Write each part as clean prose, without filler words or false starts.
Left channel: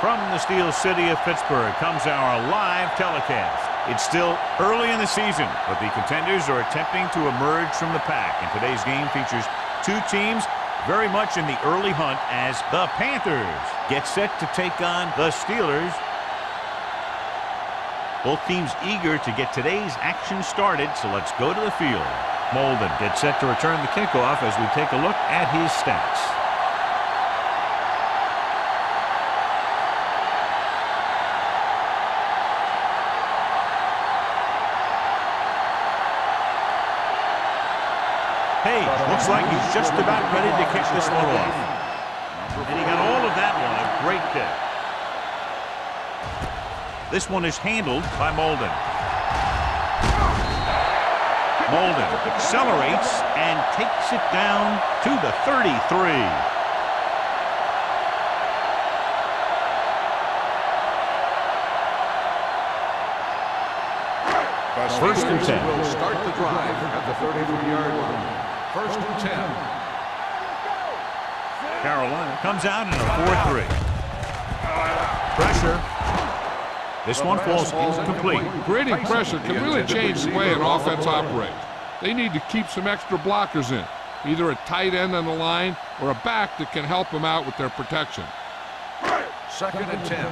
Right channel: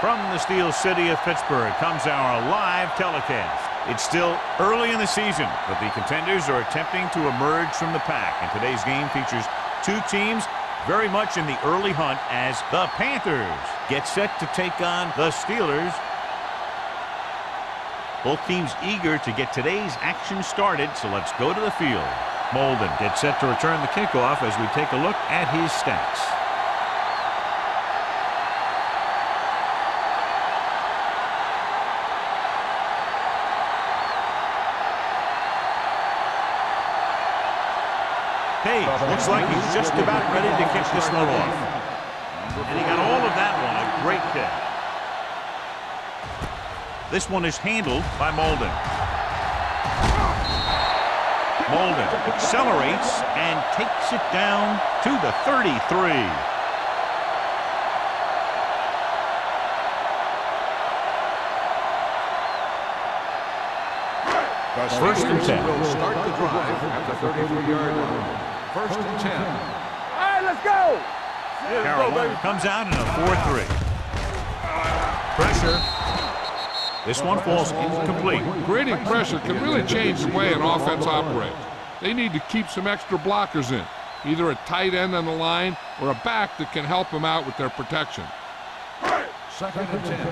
From the Steel City of Pittsburgh comes our live telecast. It's still early in the season, but the contenders are attempting to emerge from the pack. And today's game features two teams very much in the early hunt as the Panthers get set to take on the Steelers. Both teams eager to get today's action started, so let's go to the field. Molden gets set to return the kickoff as we take a look at his stats. Page looks like he's just about ready to kick this one off. And he got all of that one, a great kick. This one is handled by Molden. Molden accelerates and takes it down to the 33. First and 10. Will start the drive at the 33-yard line. First and 10. All right, let's go. Carolina comes out in a 4-3. Pressure. This one falls incomplete. Creating pressure can really change the way an offense operates. They need to keep some extra blockers in, either a tight end on the line or a back that can help them out with their protection. Second and 10.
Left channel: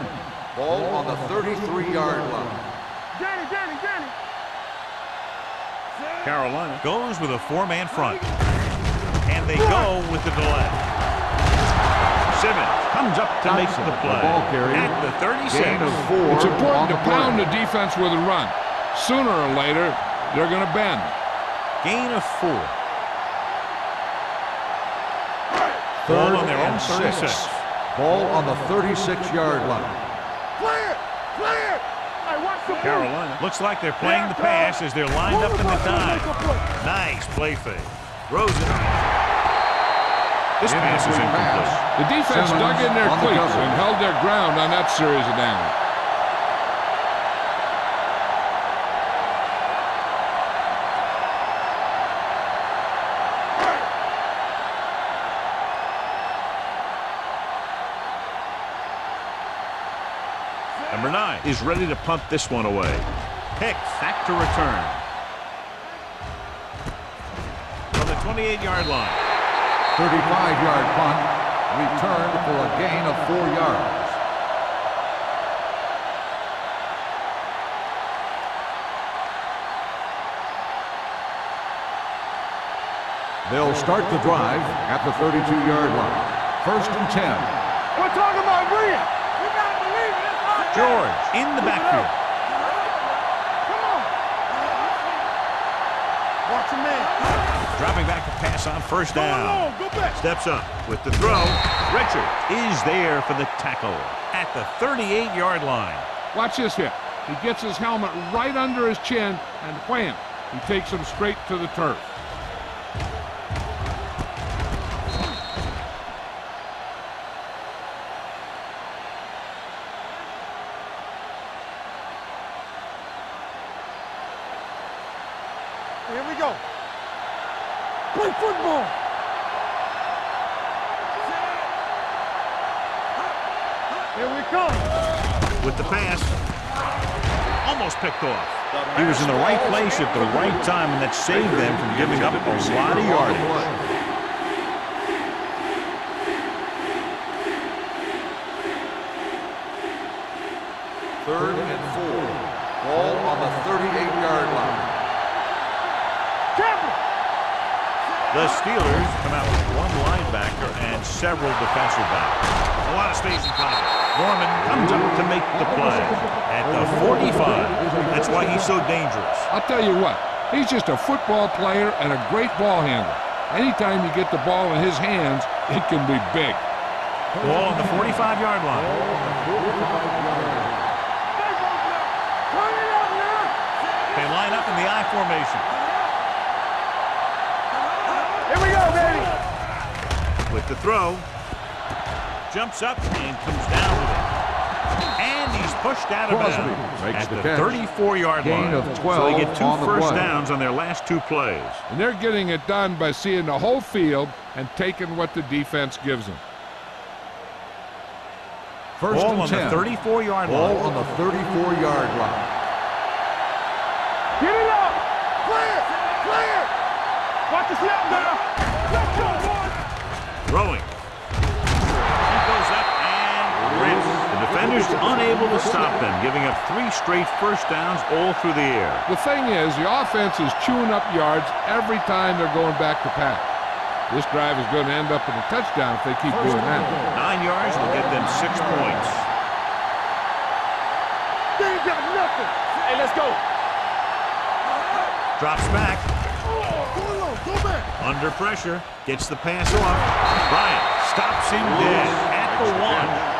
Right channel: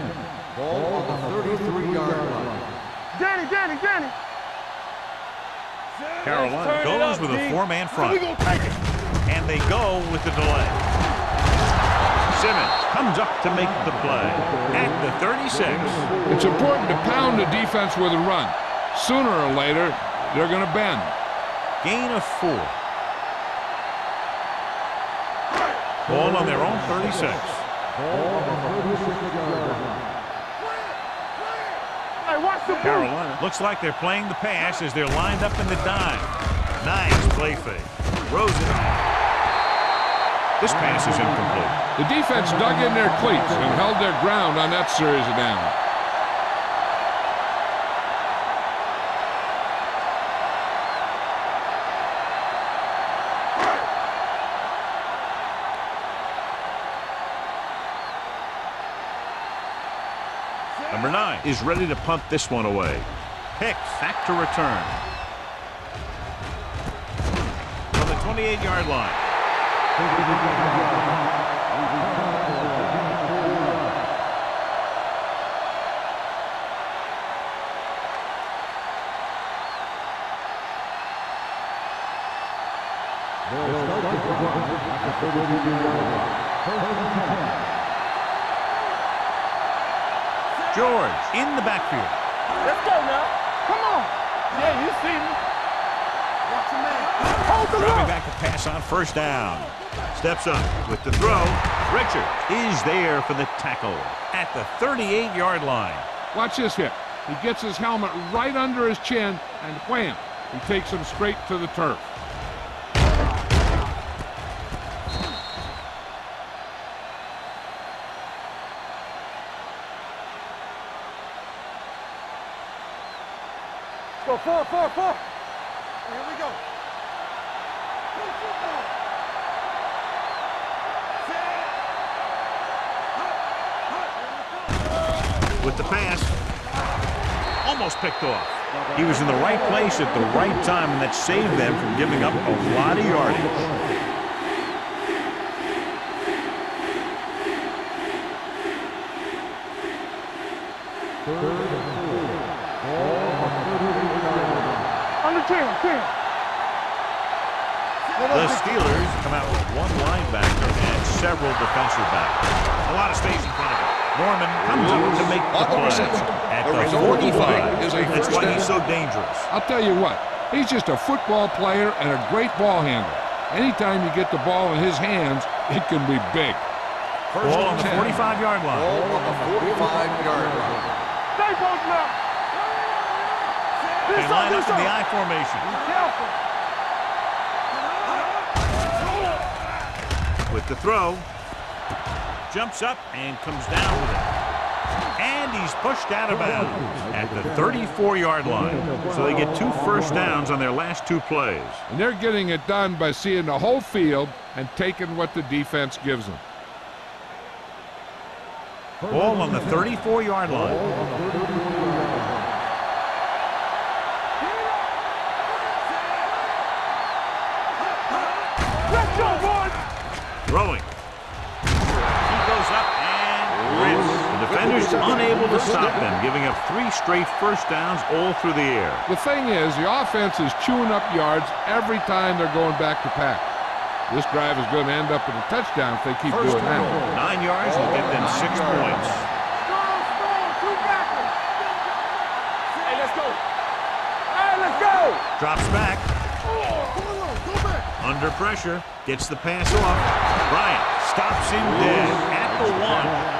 Ball on the 33-yard line. Danny. Carolina goes with a four-man front. And they go with the delay. Simmons comes up to make the play at the 36. It's important to pound the defense with a run. Sooner or later, they're going to bend. Gain of 4. Ball on their own 36. Ball on the 36-yard line. Clear. Hey, watch the Carolina looks like they're playing the pass as they're lined up in the dime. Nice play fake. Rosen. This pass is incomplete. The defense dug in their cleats and held their ground on that series of downs. Number 9 is ready to punt this one away. Hicks back to return. From the 28-yard line. 35-yard punt. Return for a gain of 4 yards. They'll start the drive at the 32-yard line. First and 10. We're talking about Green. You gotta believe it. George in the backfield. Let's go now. Come on. You see me. Watch your man. Dropping back to pass on first down. Steps up with the throw. Richards is there for the tackle at the 38-yard line. Watch this hit. He gets his helmet right under his chin, and wham, he takes him straight to the turf. Go, 4. Here we go. Play football. Here we come. With the pass, almost picked off. He was in the right place at the right time, and that saved them from giving up a lot of yardage. Third and 4. Ball on the 38-yard line. Under 10. The Steelers come out with one linebacker and several defensive backs. A lot of space in front of him. Norman comes up to make the play at the 45. That's why he's so dangerous. I'll tell you what, he's just a football player and a great ball handler. Anytime you get the ball in his hands, it can be big. Ball on the 45-yard line. Ball on the 45-yard line. Stay both now. Turn it up now. They line up in the I formation. Here we go, Danny. With the throw. Jumps up and comes down with it. And he's pushed out of bounds at the 34-yard line. So they get 2 first downs on their last 2 plays. And they're getting it done by seeing the whole field and taking what the defense gives them. First Ball and on the 10. 34-yard Ball line. on the 34-yard line. Get it up. Clear. Clear. Watch the snap now. Let's go, boys. Throwing. He goes up and rips. The defenders unable to stop them, giving up 3 straight first downs all through the air. The thing is, the offense is chewing up yards every time they're going back to pass. This drive is going to end up with a touchdown if they keep doing that. 9 yards will get them 6 points. Hey, let's go. Hey, let's go. Drops back. Go back. Under pressure. Gets the pass off. Bryant stops him dead at the 1.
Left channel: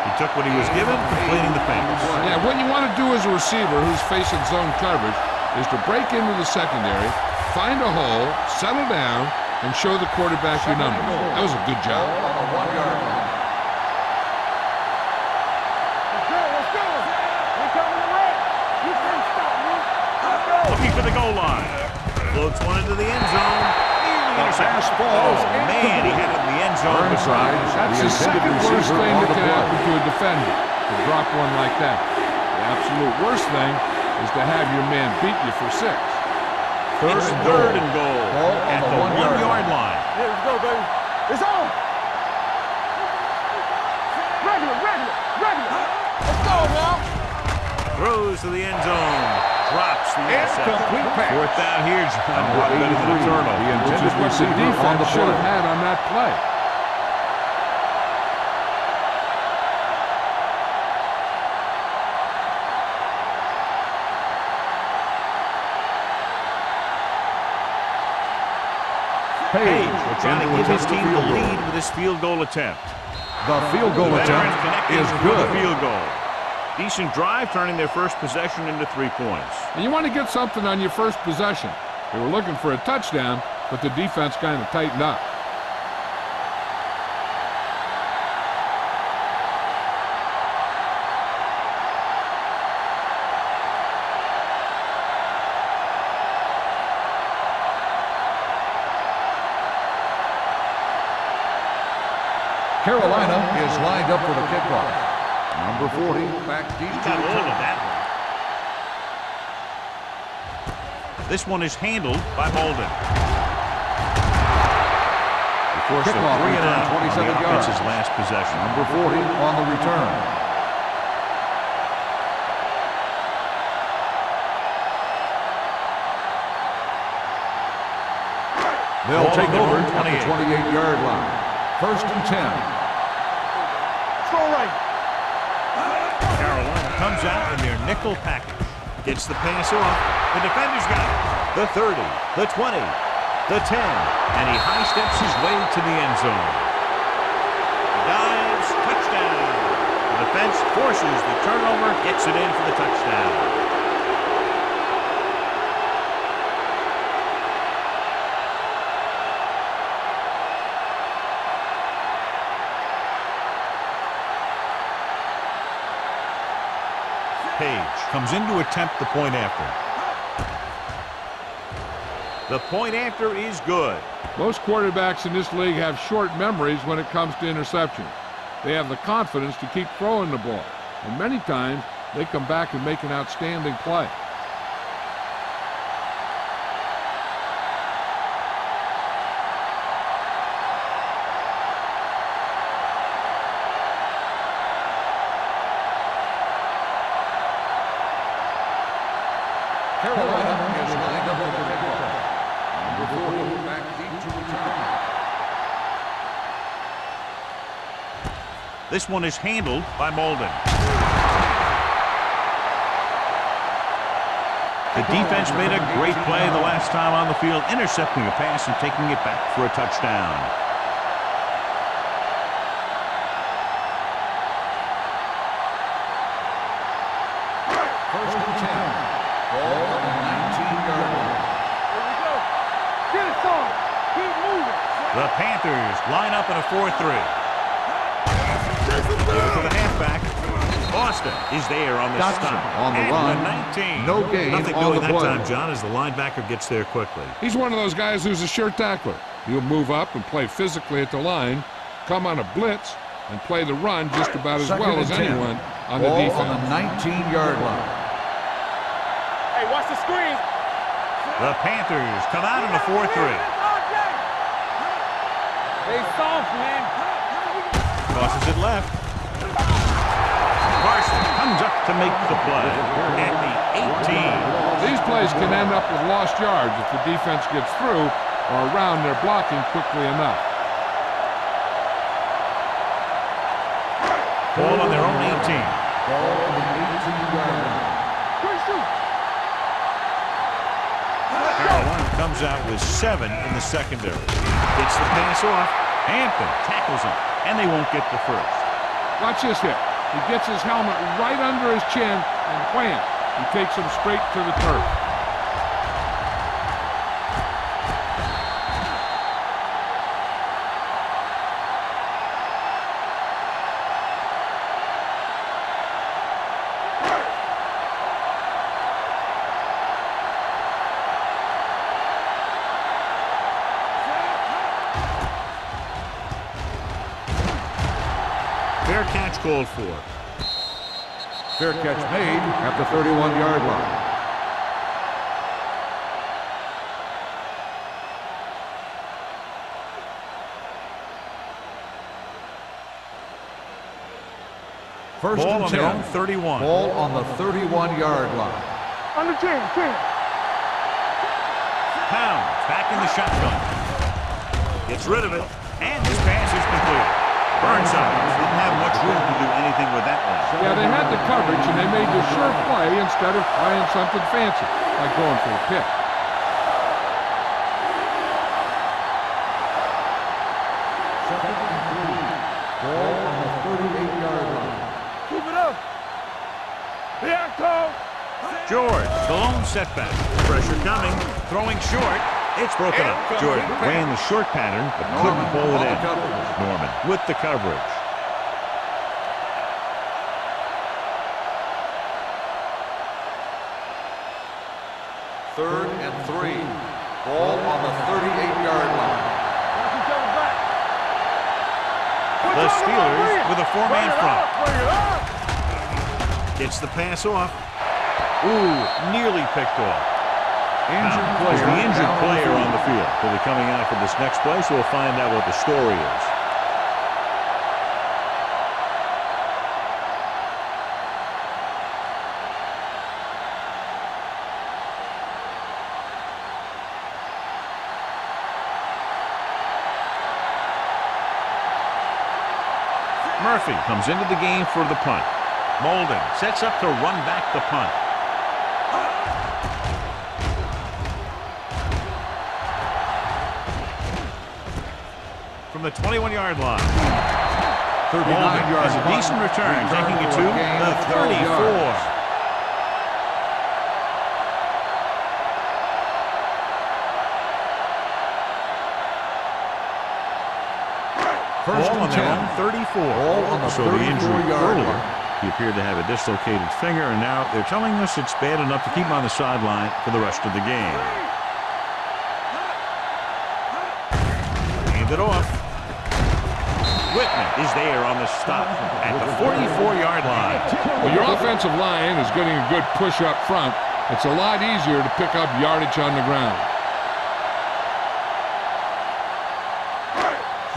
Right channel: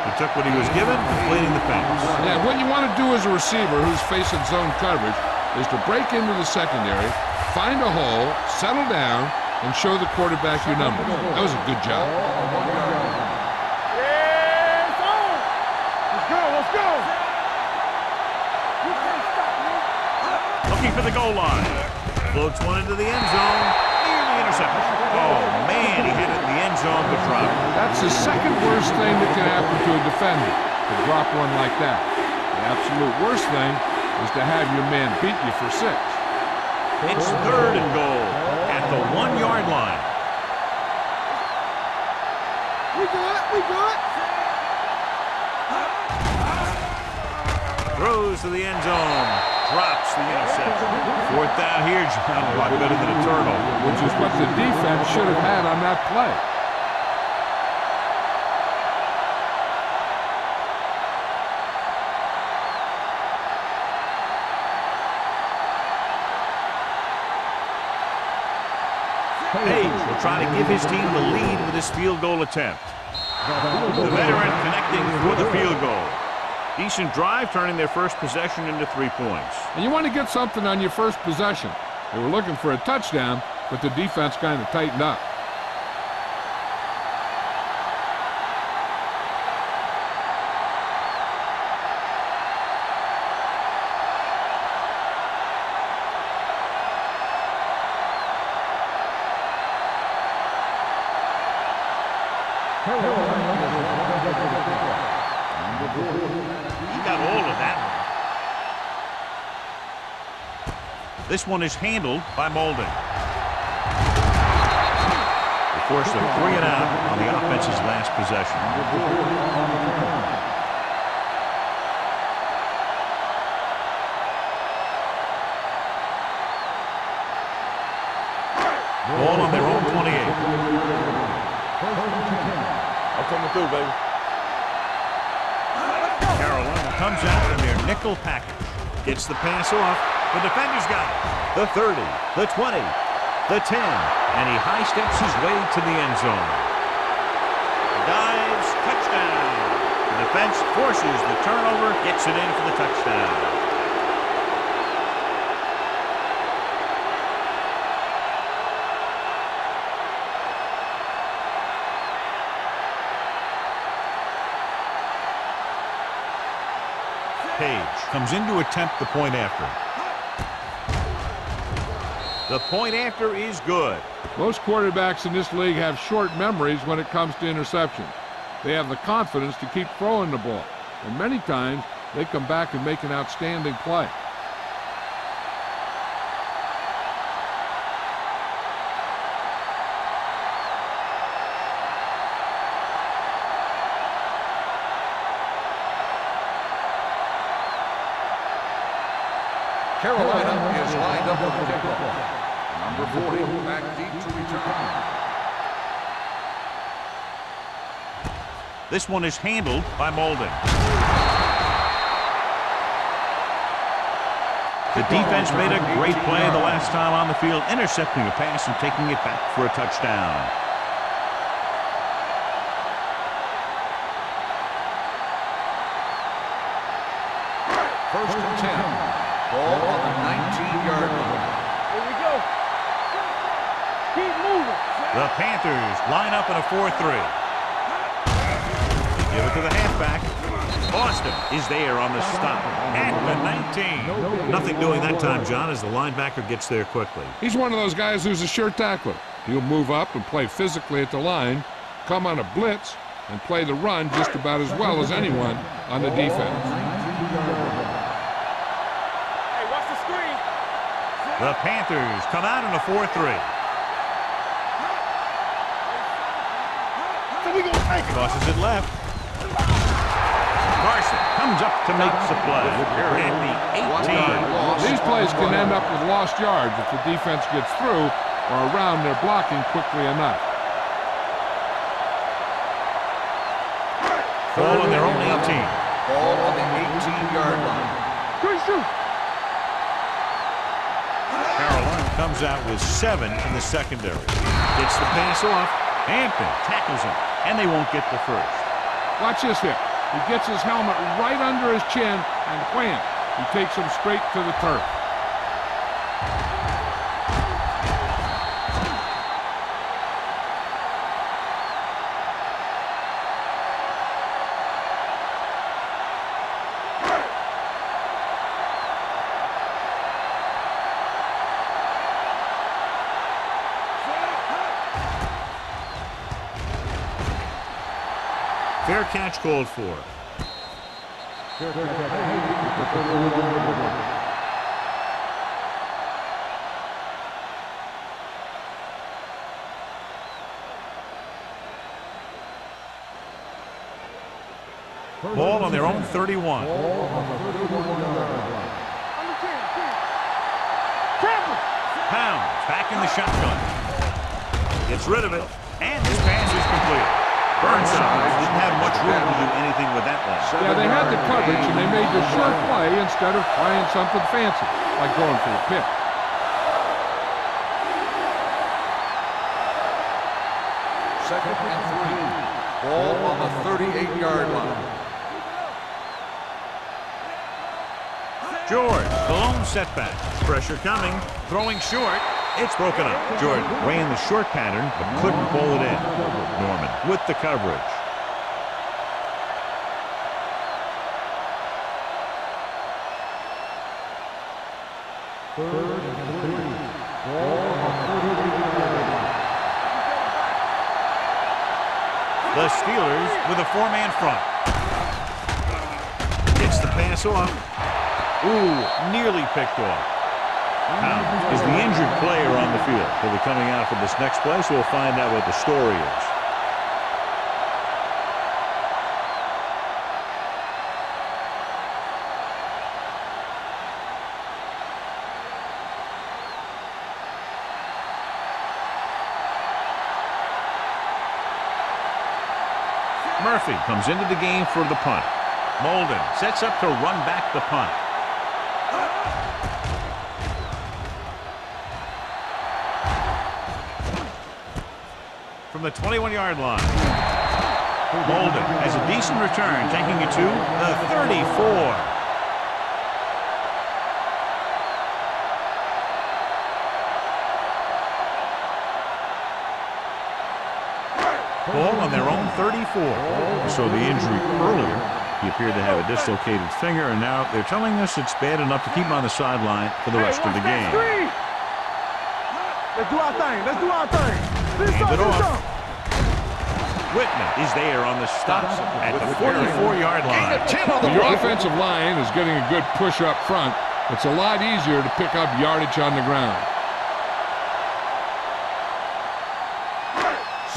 He took what he was given, completing the pass. Yeah, what you want to do as a receiver who's facing zone coverage is to break into the secondary, find a hole, settle down, and show the quarterback your numbers. That was a good job. On the 1-yard line. Let's go. Let's go. You can't stop me. Looking for the goal line. Floats one into the end zone. Nearly intercepted. Oh, man, he had it in the end zone, but dropped it. That's the second worst thing that can happen to a defender, to drop one like that. The absolute worst thing is to have your man beat you for 6. It's 3rd and goal at the 1-yard line. Here we go, baby. It's on. We good. Regular. Throws to the end zone. Drops the interception. 4th down here, John. A lot better than a turnover. Which is what the defense should have had on that play. Page will try to give his team the lead with his field goal attempt. The field goal The veteran attempt connecting is for the good. field goal. Decent drive, turning their first possession into 3 points. And you want to get something on your first possession. They were looking for a touchdown, but the defense kind of tightened up. Carolina is lined up for the kickoff. Number 40, back deep. He got all of that one. This one is handled by Molden. They forced a 3 and out on the offense's last possession. Number 40 on the return. They'll Ball take on their over own at the 28. 28-yard line. First and 10. I'm coming through, baby. Go right. Carolina comes out in their nickel package. Gets the pass off. The defender's got it. The 30, the 20, the 10, and he high steps his way to the end zone. He dives, touchdown. The defense forces the turnover, gets it in for the touchdown. Page comes in to attempt the point after. The point after is good. Most quarterbacks in this league have short memories when it comes to interceptions. They have the confidence to keep throwing the ball, and many times they come back and make an outstanding play. Carolina is lined up for the kickoff. Number 40, back deep to return. This one is handled by Molden. The defense made a great play the last time on the field, intercepting a pass and taking it back for a touchdown. First and 10. Ball on the 19-yard line. Here we go. Get it far. Keep moving. The Panthers line up in a 4-3. Give it to the halfback. Boston is there on the stop On the at line. the 19. No gain Nothing on doing the that play. time, John, as the linebacker gets there quickly. He's one of those guys who's a sure tackler. He'll move up and play physically at the line, come on a blitz, and play the run just about as well as anyone on the defense. 19-yard line. Hey, watch the screen. The Panthers come out in a 4-3. Hey, soft, man. Crosses it left. Carson comes up to make the play at the 18. These plays can end up with lost yards if the defense gets through or around their blocking quickly enough. Ball on their own 18. Ball on the 18-yard line. Good shoot. Carolina comes out with 7 in the secondary. Gets the pass off. Hampton tackles him, and they won't get the first. Watch this hit. He gets his helmet right under his chin, and wham, he takes him straight to the turf. Fair catch called for. Fair catch made at the 31-yard line. First Ball on their 10. own 31. Ball on the 31-yard line. Under 10. Pounds back in the shotgun. Gets rid of it, and this pass is completed. Burnside didn't have much room to do anything with that one. Yeah, they had the coverage, and they made the sure play instead of trying something fancy, like going for a pick. Second and 3. Ball on the 38-yard line. Move it up. Here comes. George, the lone setback. Pressure coming, throwing short. It's broken up. Jordan ran the short pattern, but couldn't pull it in. Norman with the coverage. Third and 3. Ball on the 38-yard line. Watch each other back. The Steelers with a 4-man front. Gets the pass off. Ooh, nearly picked off. Pound is the injured player on the field. He'll be coming out for this next play, so we'll find out what the story is. Murphy comes into the game for the punt. Molden sets up to run back the punt. From the 21-yard line. Molden has a decent return, taking it to the 34. Ball on their own 34. So the injury earlier, he appeared to have a dislocated finger, and now they're telling us it's bad enough to keep him on the sideline for the rest of the game. Let's do our thing. Let's do our thing. Hand it off. Whitman is there on the stop at the 44-yard line. When your offensive line is getting a good push up front, it's a lot easier to pick up yardage on the ground.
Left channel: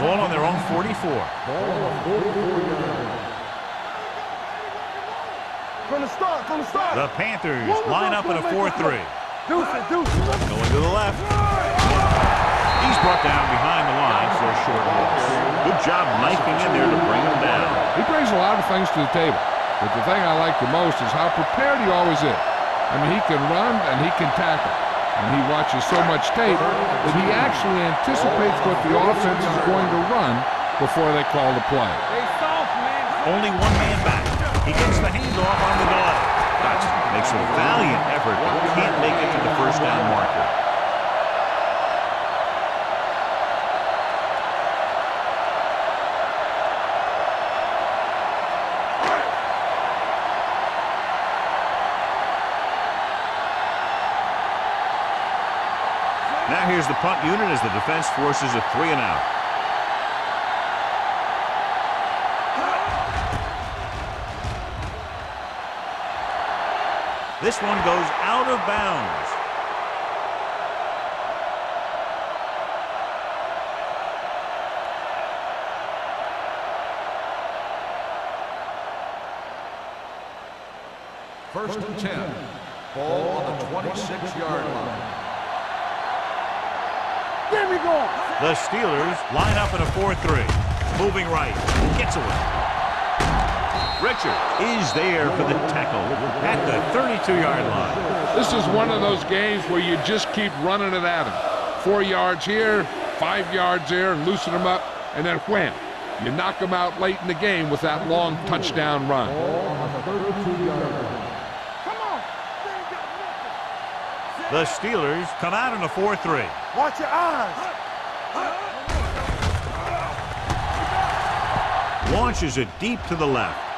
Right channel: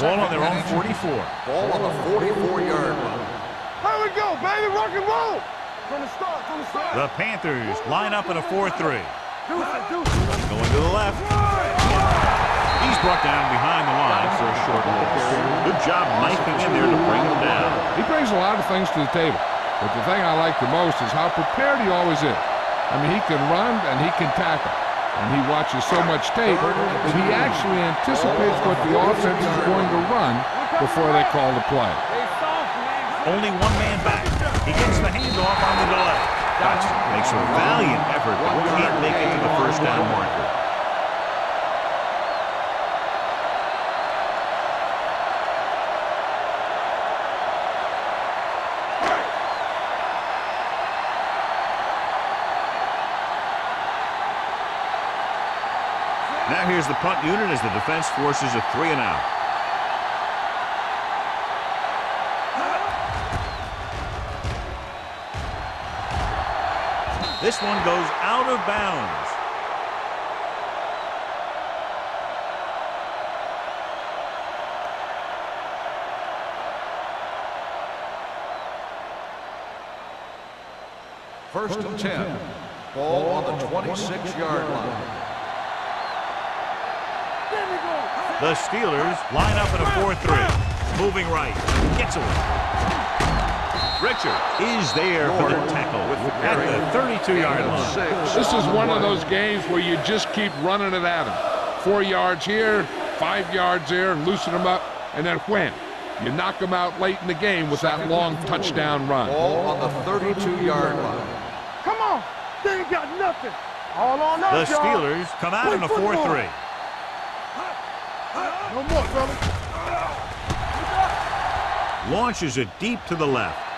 Ball on their own 44. Ball on the 44-yard line. Here we go, baby. Rock and roll. From the start. The Panthers line up in a 4-3. Deuce it. Going to the left. He's brought down behind the line for a short loss. Good job knifing in there to bring him down. He brings a lot of things to the table, but the thing I like the most is how prepared he always is. I mean, he can run and he can tackle, and he watches so much tape that he actually anticipates what the offense is going to run before they call the play. They soft, man. Only one man back. He gets the handoff on the delay. Dutch makes a valiant effort, but can't make it to the first down marker. Now here's the punt unit as the defense forces a 3-and-out. This one goes out of bounds. First and 10. Ball on the 26-yard line. Get me going. The Steelers line up in a 4-3. Moving right. Gets away. Richard is there for the tackle at the 32-yard line. This is one of those games where you just keep running it at him. 4 yards here, 5 yards there, loosen them up, and then wham. You knock them out late in the game with that long touchdown run. Ball on the 32-yard line. Come on. They ain't got nothing. All on The us, y'all. Steelers come out in a 4-3. Watch your eyes. No more, brother. Launches it deep to the left.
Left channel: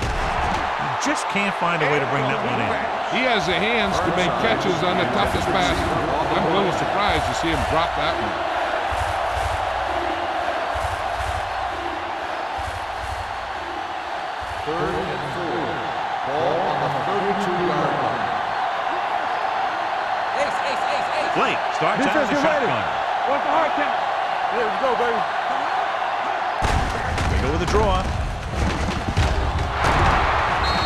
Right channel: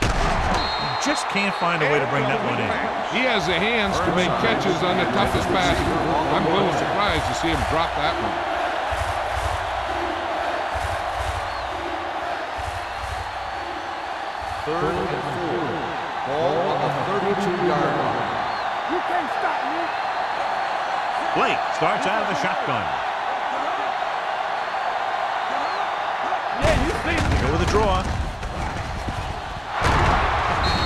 He just can't find a way to bring that one in. He has the hands to make catches on the toughest passes. I'm a little surprised to see him drop that one. Third and 4. Ball on the 32-yard line. You can't stop me. Blake starts out of the shotgun. What's the hard count? Let's go, baby. They go with a draw.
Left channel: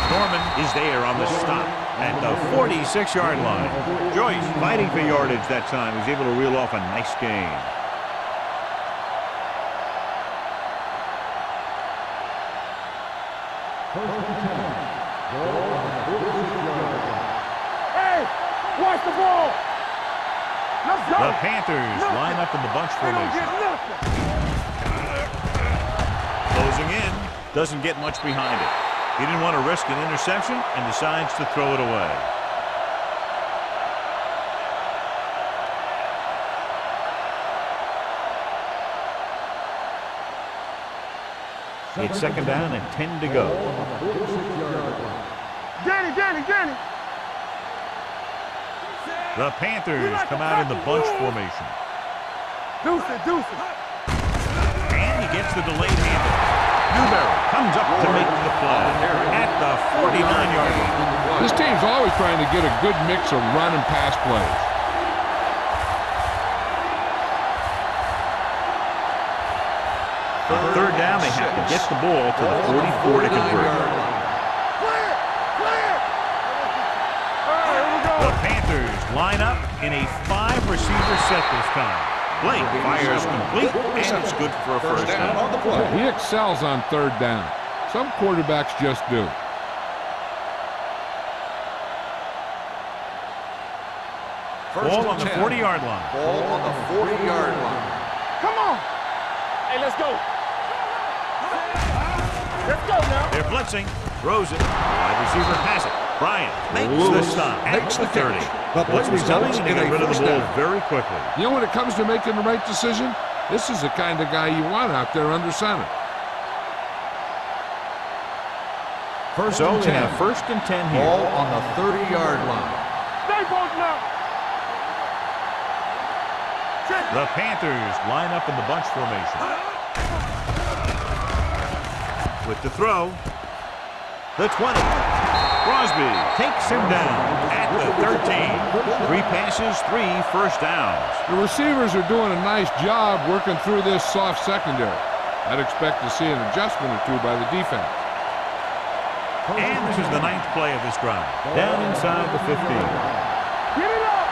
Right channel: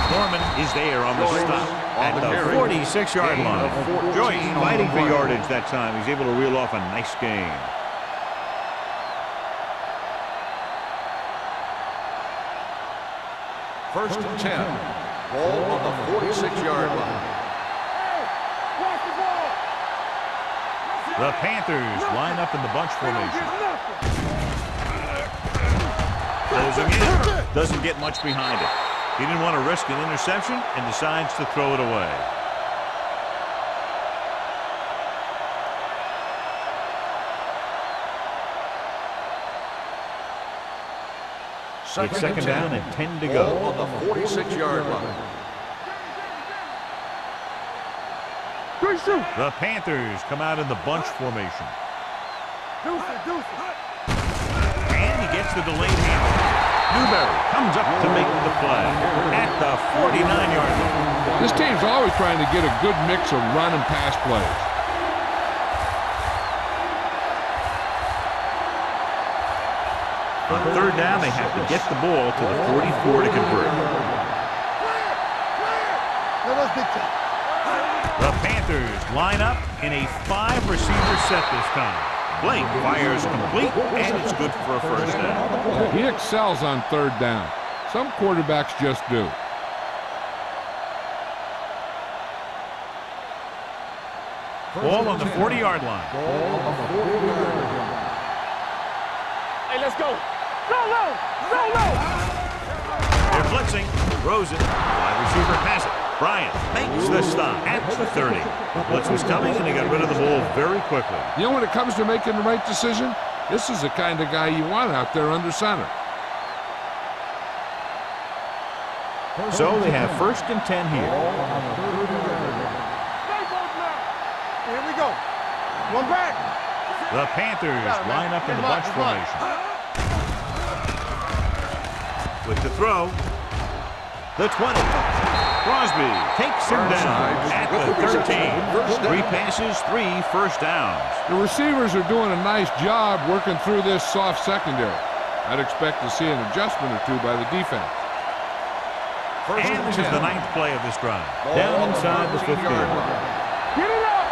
Norman is there on the stop at the 46-yard line. Joyce fighting for yardage that time. He's able to reel off a nice gain. First and 10. Ball on the 46-yard line. Hey, watch the ball. The Panthers line up in the bunch They don't formation. get nothing. Closing in. Doesn't get much behind it. He didn't want to risk an interception and decides to throw it away. It's second down and 10 to Ball go. on the 46-yard line. Danny. Shoot. The Panthers come out in the bunch formation. Deuce it. And he gets the delayed handoff. Newberry comes up to make the play at the 49-yard line. This team's always trying to get a good mix of run and pass plays. On third down, they have to get the ball to the 44 to convert. Clear. Now let's get to it. All right, here we go. The Panthers line up in a 5-receiver set this time. Blake fires complete, and it's good for a first down. Yeah, he excels on third down. Some quarterbacks just do. Ball on the 40-yard line. Ball on the 40-yard line. Come on. Hey, let's go. They're blitzing. Throws it. Wide receiver pass it. Bryant makes the stop at the 30. Blitz was coming, and he got rid of the ball very quickly. You know, when it comes to making the right decision, this is the kind of guy you want out there under center. So they have first and 10 here. Ball on the 30-yard line. Stay both now. Here we go. One back. The Panthers line up in the bunch formation. With the throw. The 20. Crosby takes him down at the 13. 3 passes, 3 first downs. The receivers are doing a nice job working through this soft secondary. I'd expect to see an adjustment or two by the defense. And this is the 9th play of this drive. Down inside the 15. Get it up.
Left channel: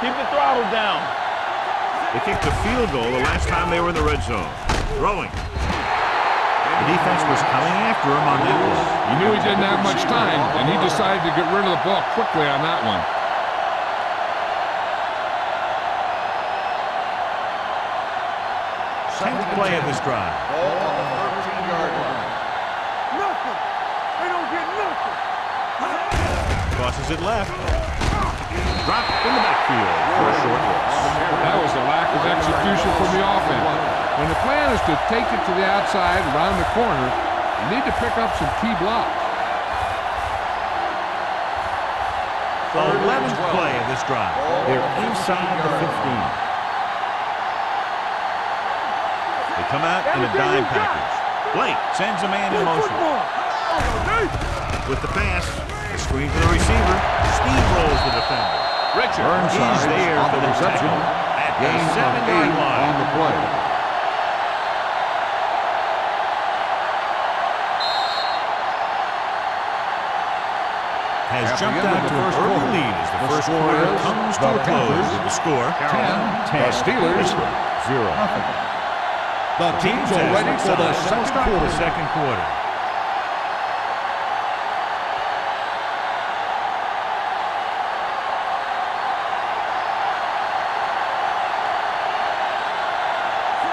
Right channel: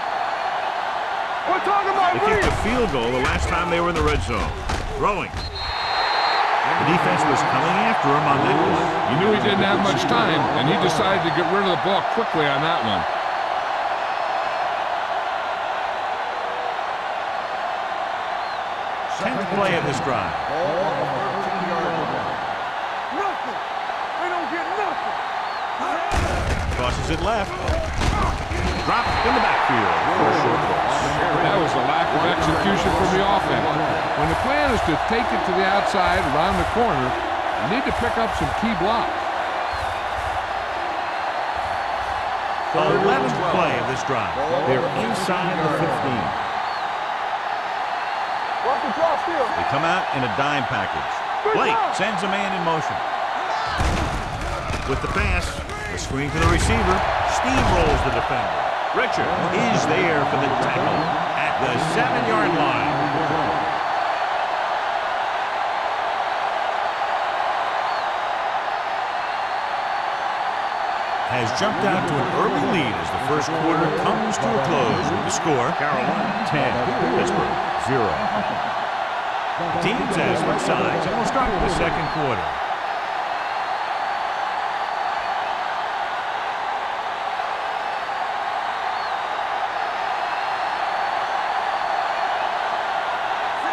Keep the throttle down. We're talking about They kicked a field goal the last time they were in the red zone. Throwing. The defense was coming after him on that play. He knew he didn't have much time, and he decided to get rid of the ball quickly on that one. Tenth play of this drive. Ball on the 13-yard line. nothing. They don't get nothing. Crosses it left. Dropped in the backfield for a short loss. That was the lack of execution from the offense. When the plan is to take it to the outside, around the corner, you need to pick up some key blocks. 11th play of this drive. They're inside the 15. They come out in a dime package. Blake sends a man in motion. With the pass, the screen to the receiver. Steamrolls the defender. Richard is there for the tackle at the 7-yard line. On the play. Has jumped out to an early lead as the first quarter comes to a close with the score. Carolina 10, Pittsburgh 0. Teams as switch sides and will start the second quarter.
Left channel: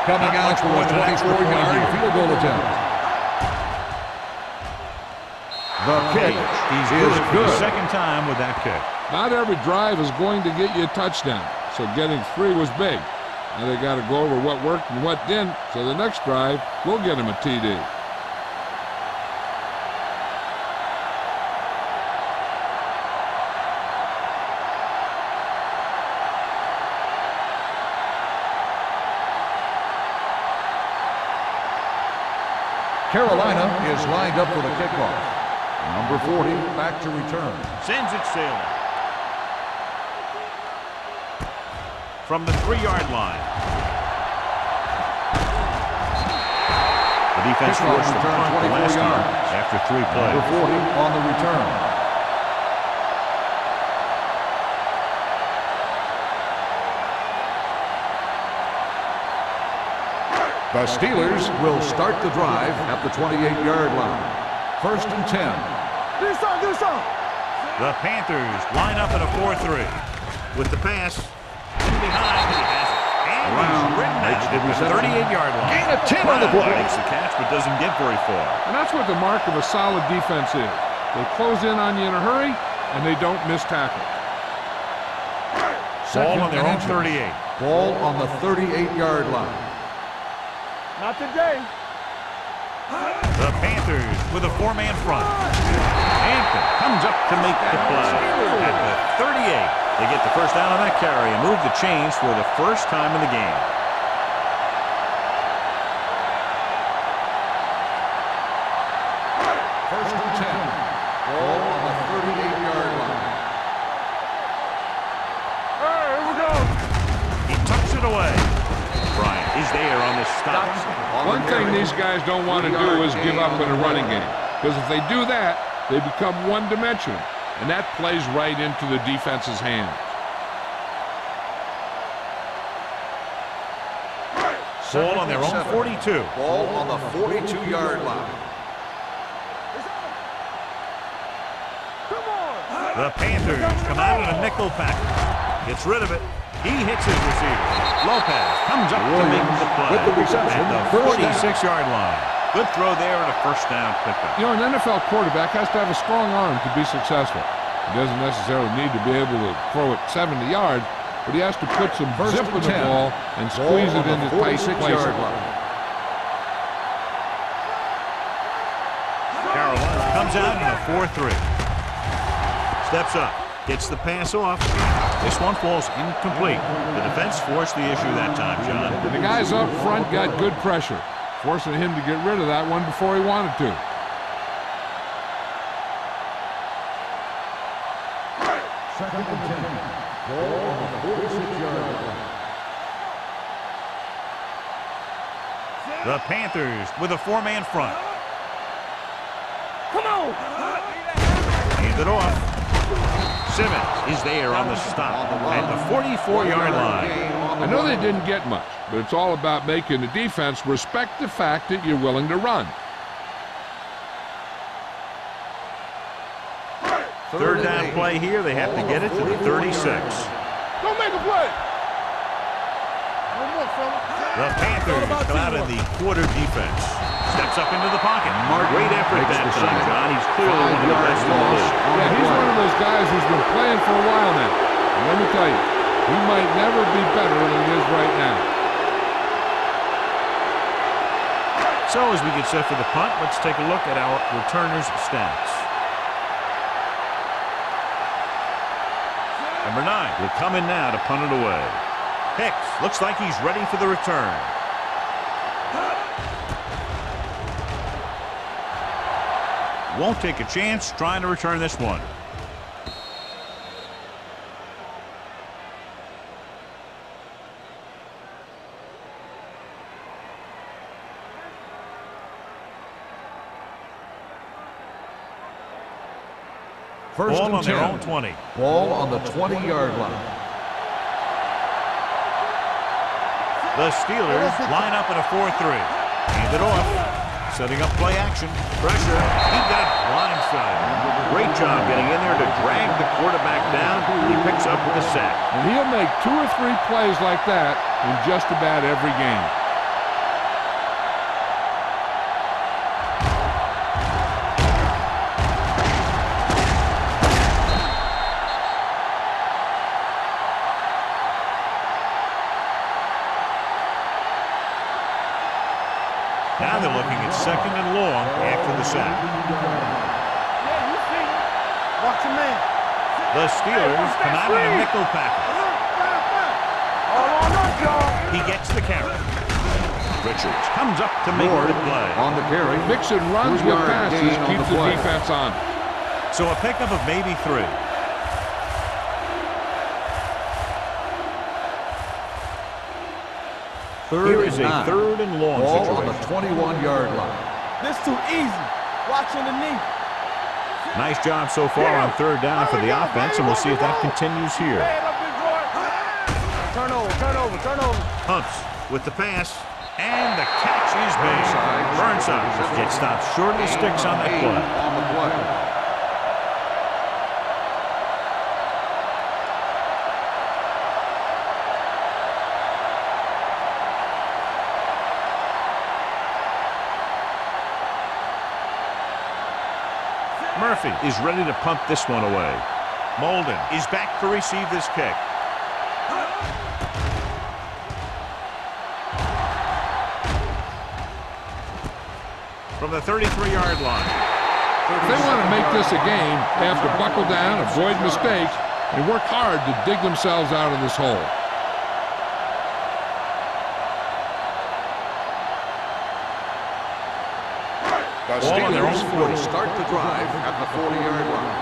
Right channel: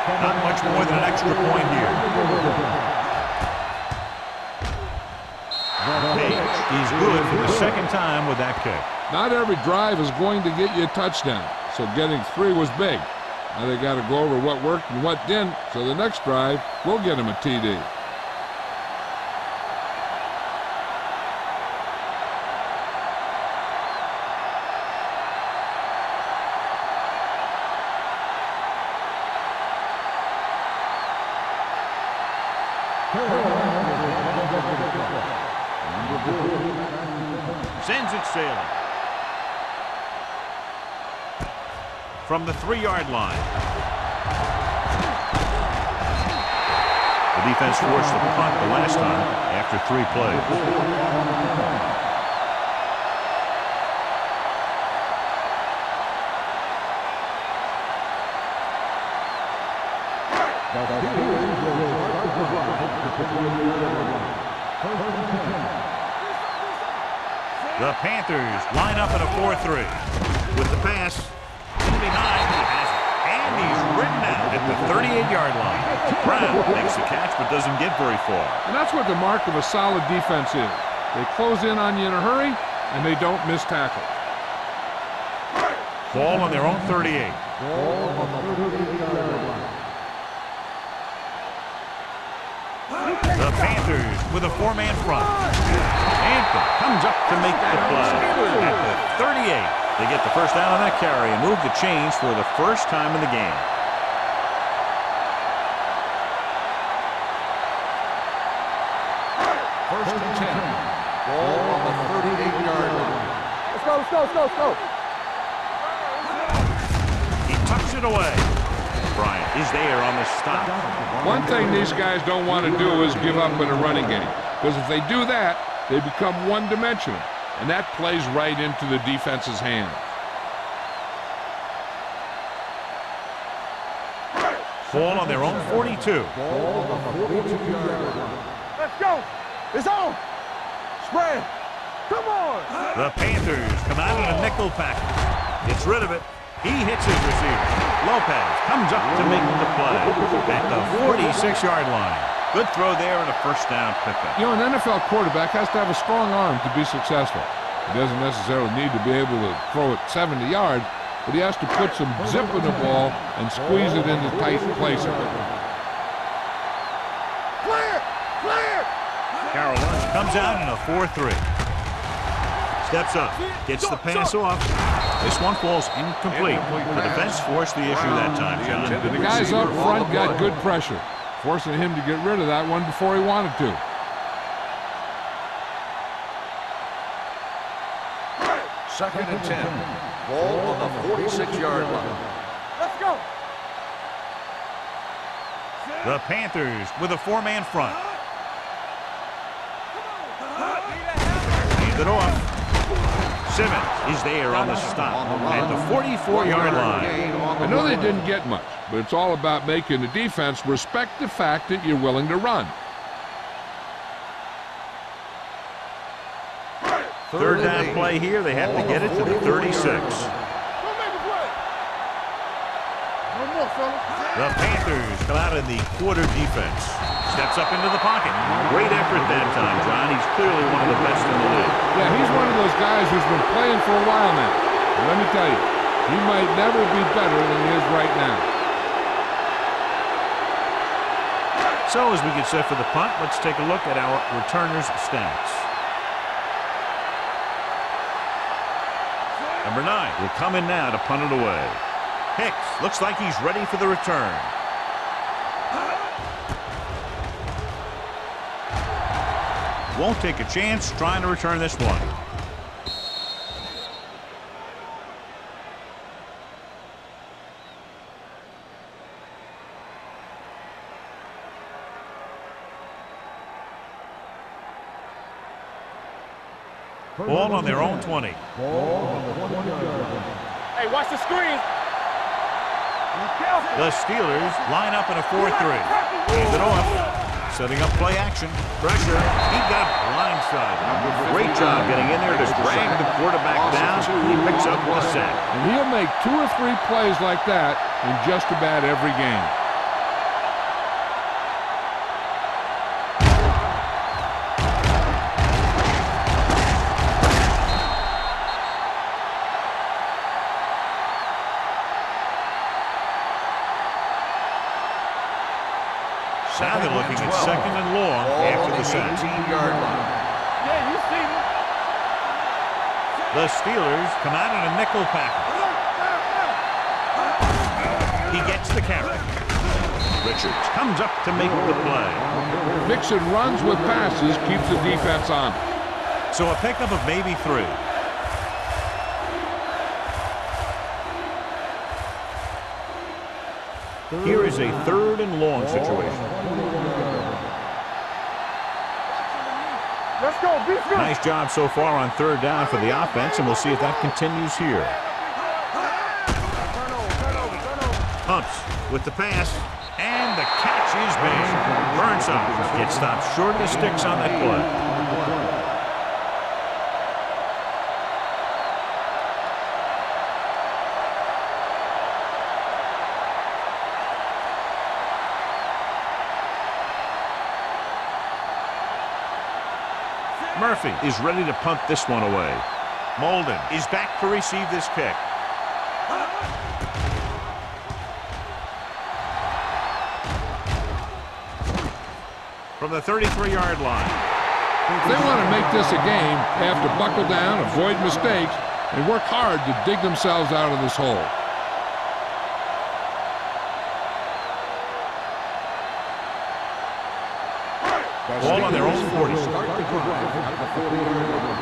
Not much more than an extra point here. The Page, he's good for the second time with that kick. Not every drive is going to get you a touchdown, so getting 3 was big. Now they got to go over what worked and what didn't, so the next drive will get him a TD. Carolina is lined up for the kickoff. Number 40 back to return. Sends it sailing. From the 3-yard line. The defense forced the punt the last time after 3 plays. Number 40 on the return. The Steelers will start the drive at the 28-yard line. 1st and 10. The Panthers line up in a 4-3. With the pass, in behind, but he has it. And he's ridden out at the 38-yard line. Brown makes the catch but doesn't get very far. And that's what the mark of a solid defense is. They close in on you in a hurry, and they don't miss tackle. Ball on their own 38. Ball on the 38-yard line. Not today. The Panthers with a 4-man front. Hampton comes up to make the play. At the 38, they get the first down on that carry and move the chains for the first time in the game. First and 10. Ball on the 38-yard line. Let's go. All right, here we go. He tucks it away. Bryant is there on the stop. One thing these guys don't want to do is give up in a running game, because if they do that, they become one-dimensional, and that plays right into the defense's hands. Ball on their own 42. Ball on the 42-yard line. Let's go. It's on. Spread. Come on. The Panthers come out in a nickel package. Gets rid of it. He hits his receiver. Lopez comes up to make the play at the 46-yard line. Good throw there and a first down pickup. You know, an NFL quarterback has to have a strong arm to be successful. He doesn't necessarily need to be able to throw it 70 yards, but he has to put some zip in the ball and squeeze it into tight places. Clear. Carolina comes out in a 4-3. Steps up. Gets the pass off. This one falls incomplete. The defense forced the issue that time, John. And the guys up front got good pressure, forcing him to get rid of that one before he wanted to. Second and 10. Ball on the 46-yard line. Let's go. The Panthers with a 4-man front. Come on. Hand it off. Simmons is there on the stop at the 44-yard line. I know they didn't get much, but it's all about making the defense respect the fact that you're willing to run. Third down play here. They have to get it to the 36. Don't make a play. No more, fella. The Panthers come out in the quarter defense. Steps up into the pocket. Great effort that time, John. He's clearly one of the best in the league. Yeah, he's one of those guys who's been playing for a while now. And let me tell you, he might never be better than he is right now. So as we get set for the punt, let's take a look at our returners' stats. Number 9 will come in now to punt it away. Hicks looks like he's ready for the return. Won't take a chance trying to return this one. First Ball and on their 10. own 20. Ball on the 20-yard line. Hey, watch the screen. The Steelers line up in a 4-3. Hand it off. Setting up play action. Pressure. He got blindsided. Great job getting in there to drag the quarterback down. He picks up the sack. And he'll make 2 or 3 plays like that in just about every game. Now they're looking at 2nd and long after the sack. Yeah, you see me. Watch your man. The Steelers come out in a nickel package. He gets the carry. Richards comes up to make the play. On the carry. Mixon runs with passes, keeps the defense on. So a pickup of maybe 3. Here is a 3rd and long situation. 21-yard line. This too easy. Watch underneath. Let's go, BC. Nice job so far on 3rd down for the offense, and we'll see if that continues here. Turn over. Pumps with the pass, and the catch is made. Burnside gets stopped short of the sticks on that play. On the play. Murphy is ready to punt this one away. Molden is back to receive this kick. From the 33-yard line. If they want to make this a game, they have to buckle down, avoid mistakes, and work hard to dig themselves out of this hole. Ball on their own 40. Start the drive at the 40-yard line.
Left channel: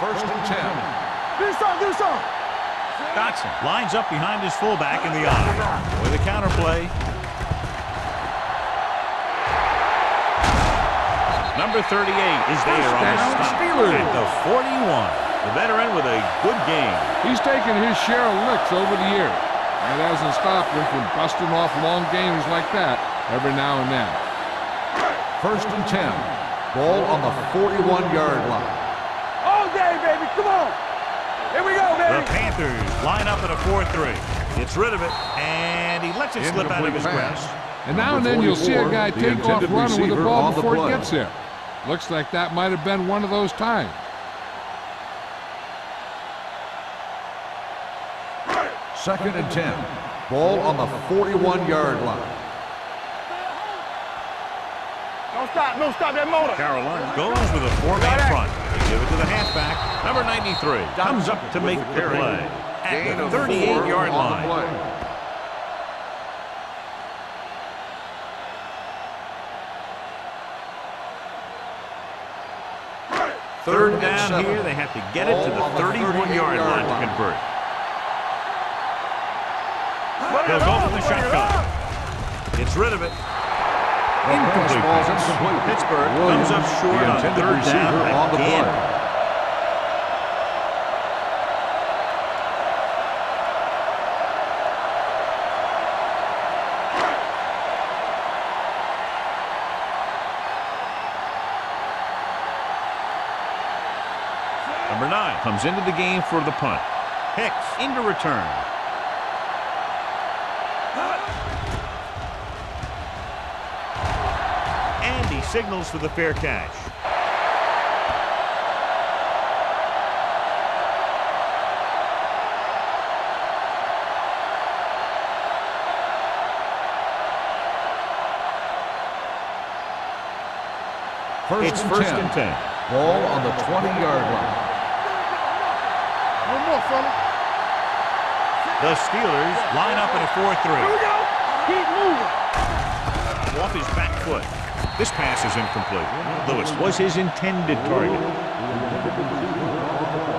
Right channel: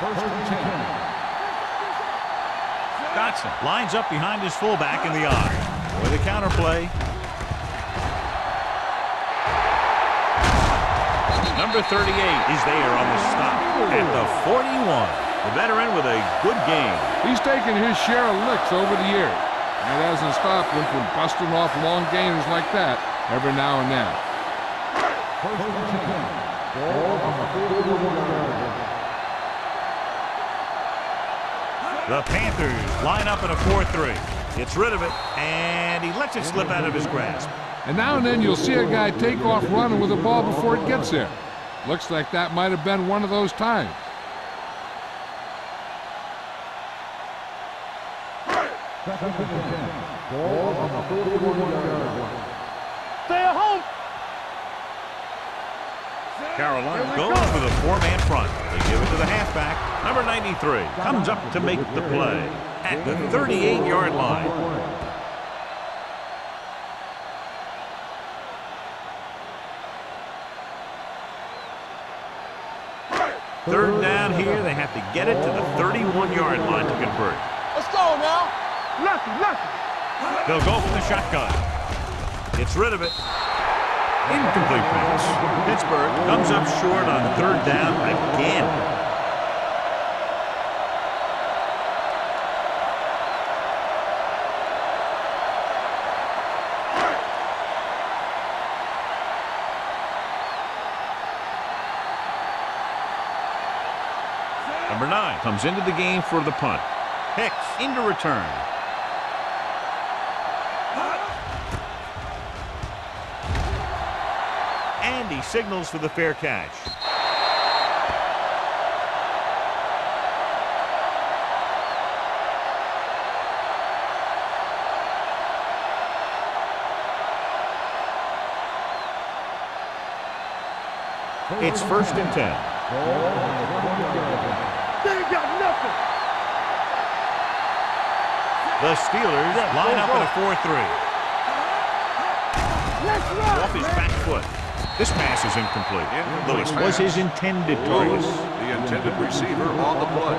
1st and 10. Do something. Dotson lines up behind his fullback in the eye. With a counterplay. Number 38 is there on the stop at the 41. The veteran with a good game. He's taken his share of licks over the years. That hasn't stopped him from busting off long gainers like that every now and then. 1st and 10. Ball on the 41-yard line. All day, baby. Come on. Here we go, baby. The Panthers line up in a 4-3. Gets rid of it, and he lets it slip out of his grasp. And now and then you'll see a guy take off running with the ball before it gets there. Looks like that might have been one of those times. 2nd and 10. Ball on the 41-yard line. Stay at home. Don't stop that motor. Carolina goes with a 4-man front. They give it to the halfback. Number 93 comes up to make the play at the 38-yard line. Third down here. They have to get it to the 31-yard line to convert. Let's go now. Nothing. They'll go for the shotgun. Gets rid of it. Incomplete pass. Pittsburgh comes up short on 3rd down again. Number 9 comes into the game for the punt. Hicks into return. And he signals for the fair catch. It's 1st and 10. Ball on the 20-yard line. They ain't got nothing. No more, fella. The Steelers line up in a 4-3. Here we go. Keep moving. Let's go. Off his back foot. This pass is incomplete. Lewis was his intended target. The intended receiver on the play.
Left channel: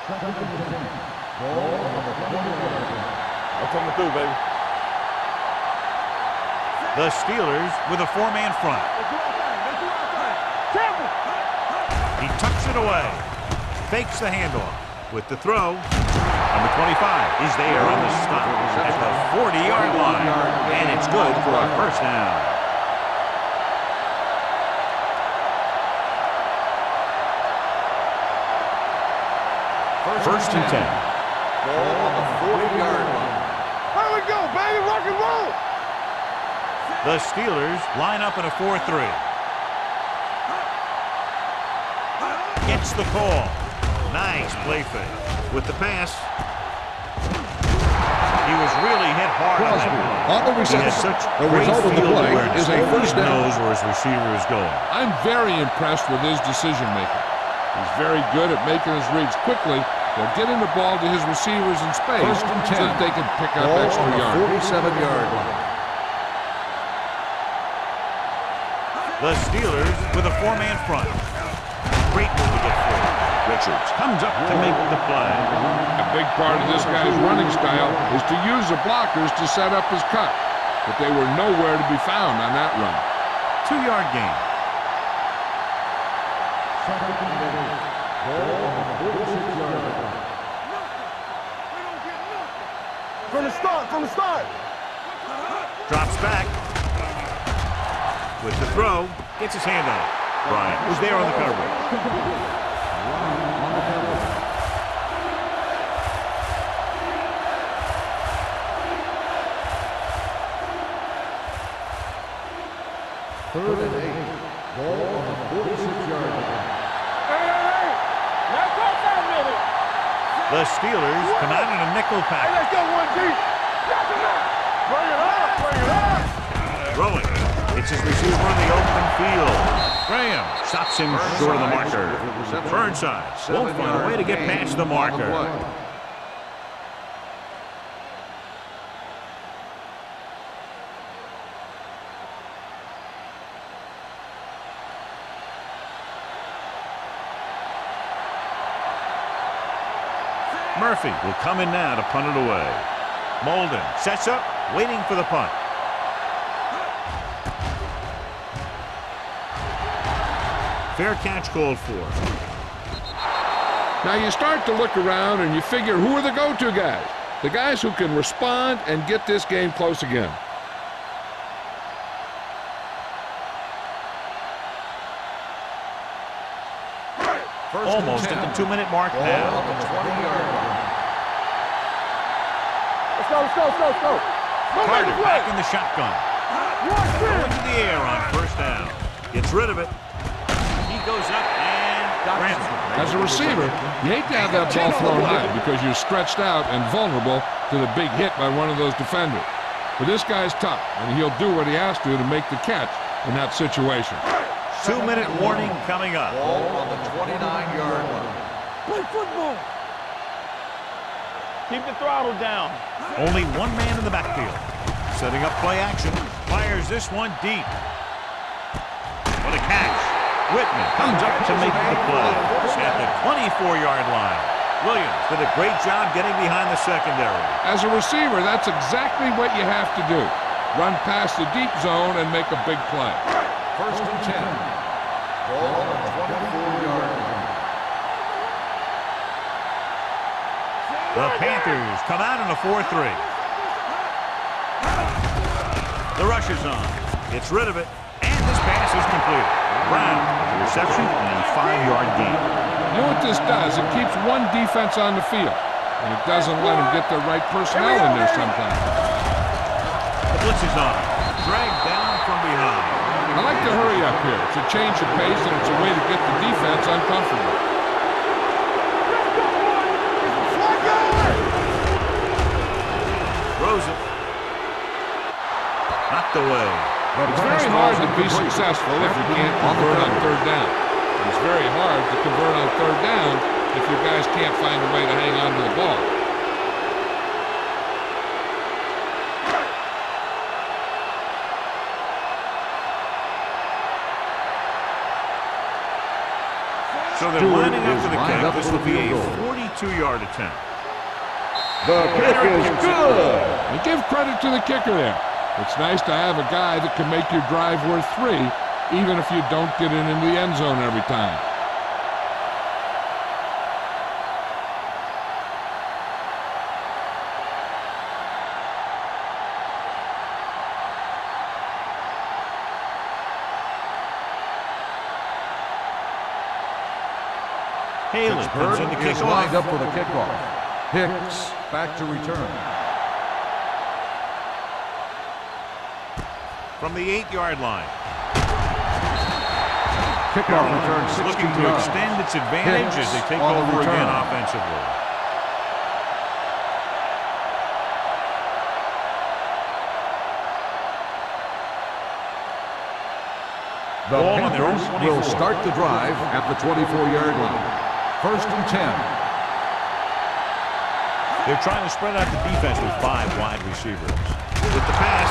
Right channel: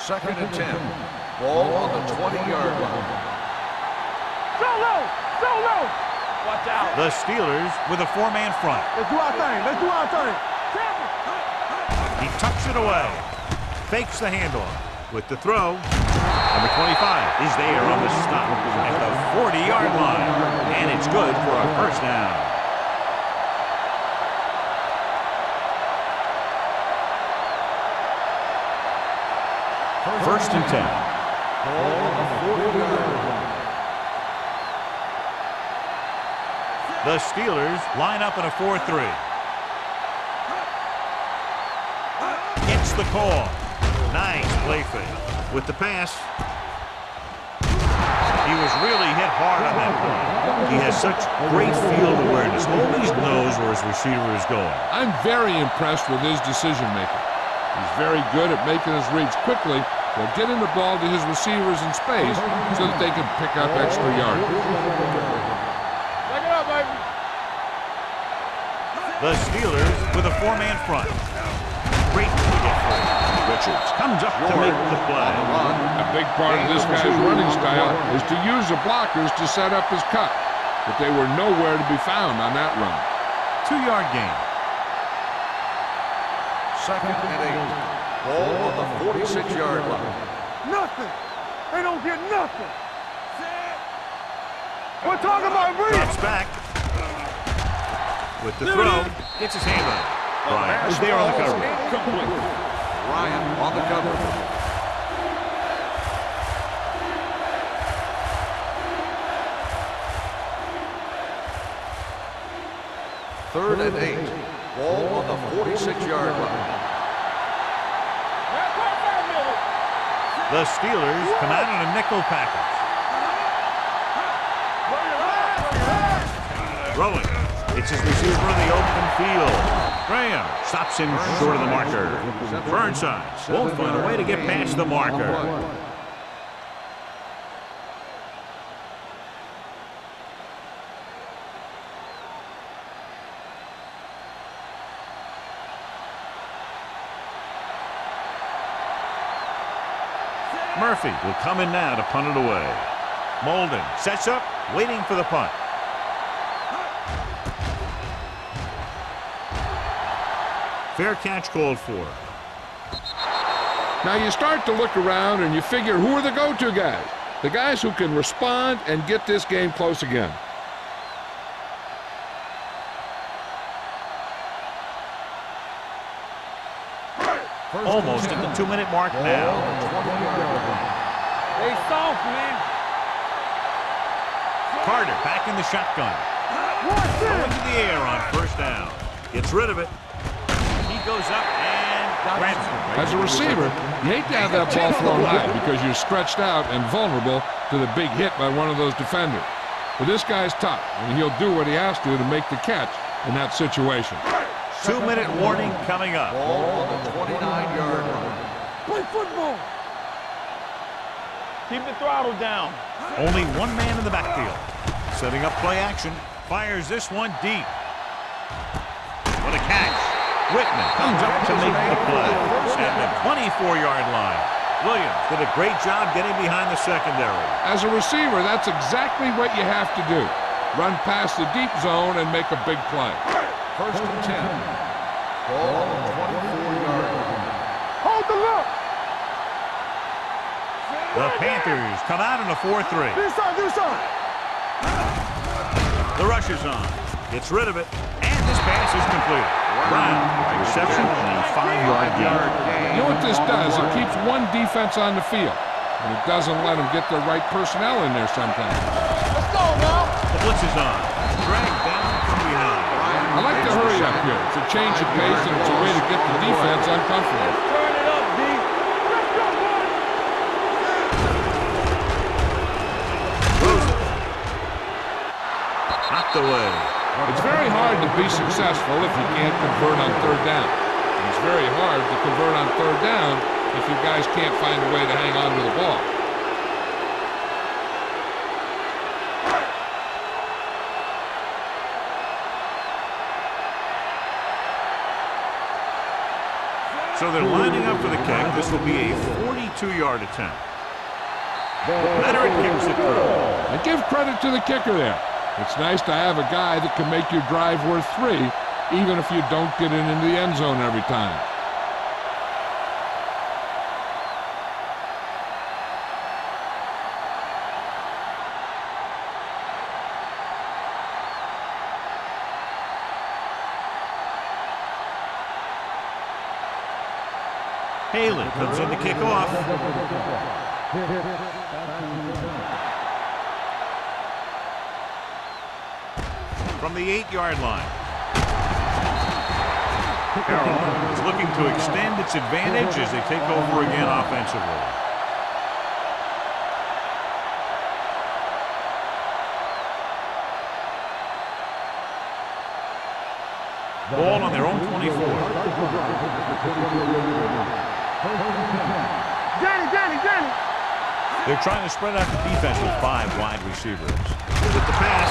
Second and 10. Ball on the 20-yard line. I'm coming through, baby. Go low. Go low. The Steelers with a 4-man front. Let's do our thing. Let's do our thing. Careful. He tucks it away. Fakes the handoff with the throw. Number 25 is there on the stop at the 40-yard line. And it's good for a first down. First and 10. Ball on the 40-yard line. There we go, baby. Rock and roll. The Steelers line up in a 4-3. Gets the call. Nice play fake. With the pass, he was really hit hard on that play. He has such great field awareness. He always knows where his receiver is going. I'm very impressed with his decision-making. He's very good at making his reads quickly while getting the ball to his receivers in space so that they can pick up extra yards. 47-yard line. The Steelers with a 4-man front. Great move to get free. Richards comes up to make the play. A big part of this guy's running style is to use the blockers to set up his cut, but they were nowhere to be found on that run. 2-yard gain. Second and 8. Ball on the 46-yard line. Nothing. They don't get nothing. From the start. We're talking about real. Drops back. With the throw, gets his hand on it. Bryant was there on the coverage. Ryan on the coverage. Third and 8. Ball on the 46-yard line. Now call 5 minutes. The Steelers come out in a nickel package. Bring it up. Throwing. It's his receiver in the open field. Graham stops him short of the marker. Burnside won't find a way to get past the marker. Murphy will come in now to punt it away. Molden sets up, waiting for the punt. Fair catch called for. Now you start to look around and you figure, who are the go-to guys? The guys who can respond and get this game close again. Almost at the 2-minute mark Ball now. on the 20-yard line. Hey, soft, man. Let's go. Carter back in the shotgun. Going to the air on first down. Gets rid of it. He goes up and grabs it. As a receiver, you hate to have that ball thrown high because you're stretched out and vulnerable to the big hit by one of those defenders. But this guy's tough, and he'll do what he has to make the catch in that situation. 2-minute warning coming up. Ball on the 29-yard line. Play football. Keep the throttle down. Only one man in the backfield. Setting up play action. Fires this one deep. What a catch. Whitman comes up to make the play at the 24-yard line. Williams did a great job getting behind the secondary. As a receiver, that's exactly what you have to do. Run past the deep zone and make a big play. First and 10. Ball on the 24-yard line. Hold the look. The Panthers come out in a 4-3. This side. The rush is on. Gets rid of it. And this pass is completed. Brown with the reception and a 5-yard gain. You know what this does? It keeps one defense on the field, and it doesn't let them get the right personnel in there sometimes. The blitz is on. Dragged down from behind. I like to hurry up here. It's a change of pace, and it's a way to get the defense uncomfortable. Let's go, boy. Throws it. Knocked away. It's very hard to be successful if you can't convert on third down. And it's very hard to convert on third down if your guys can't find a way to hang on to the ball. So they're lining up for the kick. This will be a 42-yard attempt. The Veteran kicks it through. And give credit to the kicker there. It's nice to have a guy that can make your drive worth 3, even if you don't get it into the end zone every time. Haley comes in to kick off. Up for the kickoff. Hicks back to return. From the 8-yard line. Carolina is looking to extend its advantage as they take over again offensively. The Ball on their own 24. Will start the drive at the 24-yard line. 1st and 10. They're trying to spread out the defense with 5 wide receivers. With the pass,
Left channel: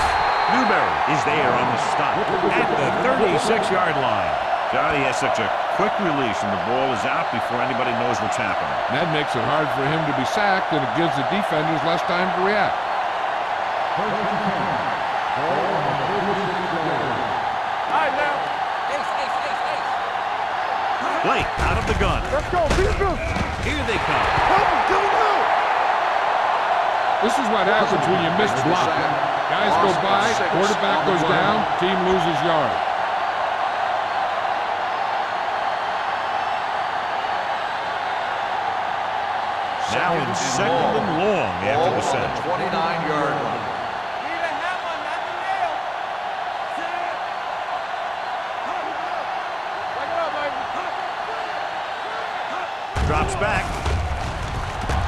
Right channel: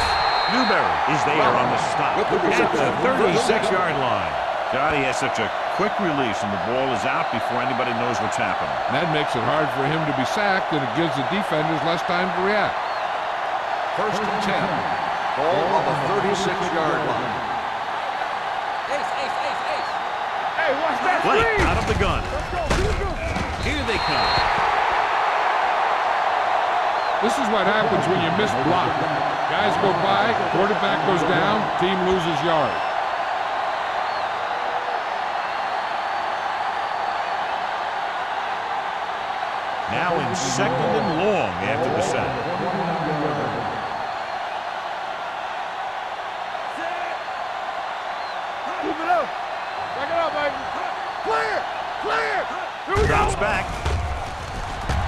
Newberry is there on the stop at the 36-yard line. Johnny has such a quick release, and the ball is out before anybody knows what's happening. And that makes it hard for him to be sacked, and it gives the defenders less time to react. 1st and 10. Ball on the 36-yard line. Blake out of the gun. Let's go. Here they come. This is what happens when you miss block. Guys go by, quarterback goes down, team loses yard. Now in 2nd and long after the sack. 29-yard line. Drops back.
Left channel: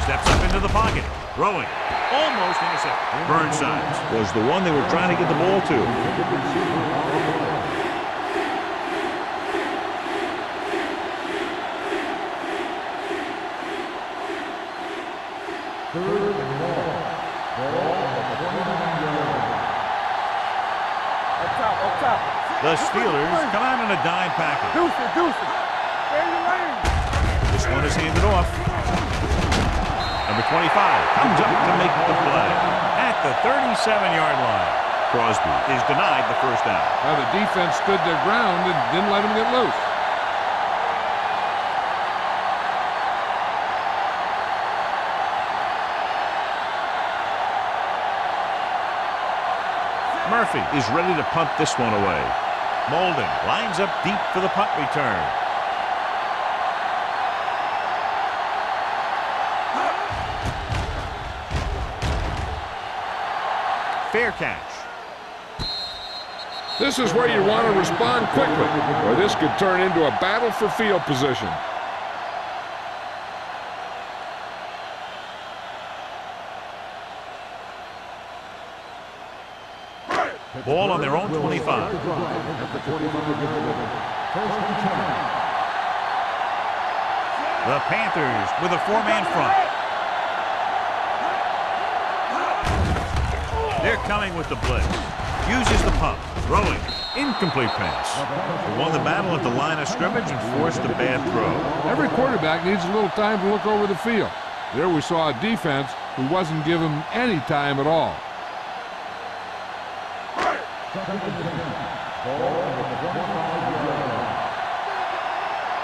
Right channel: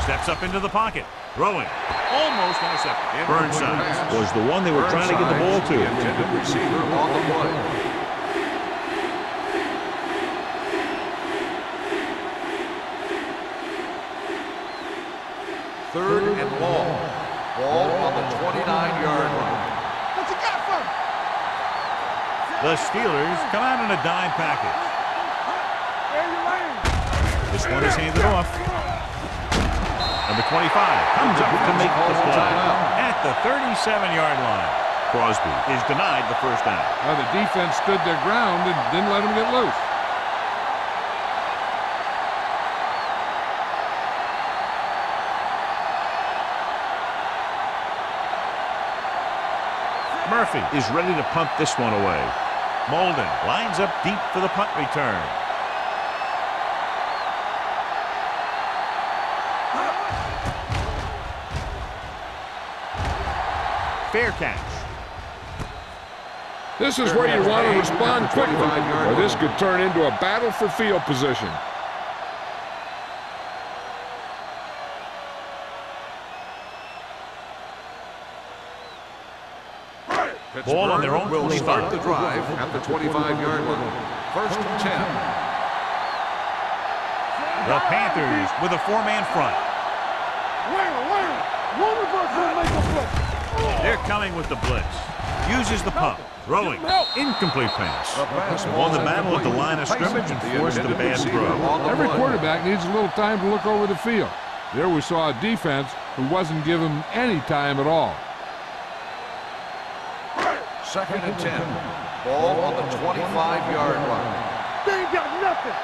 Steps up into the pocket. Throwing. Almost intercepted. Burnside was the one they were trying to get the ball to. Third and long. Ball on the 29-yard line. The Steelers come out in a dime package. This one is handed off. Number 25 comes up to make the play at the 37-yard line. Crosby is denied the first down. Well, the defense stood their ground and didn't let him get loose. Murphy is ready to punt this one away. Molden lines up deep for the punt return. Fair catch. This is where you want to respond quickly, or this could turn into a battle for field position. Ball on their own 25. The drive at the 25-yard line. 1st and 10. The Panthers with a 4-man front. They're coming with the blitz. Uses the pump. Throwing. Incomplete pass. They won the battle at the line of scrimmage and forced a bad throw. Every quarterback needs a little time to look over the field. There we saw a defense who wasn't given any time at all. 2nd and 10. Ball on the 25-yard line. They ain't got nothing.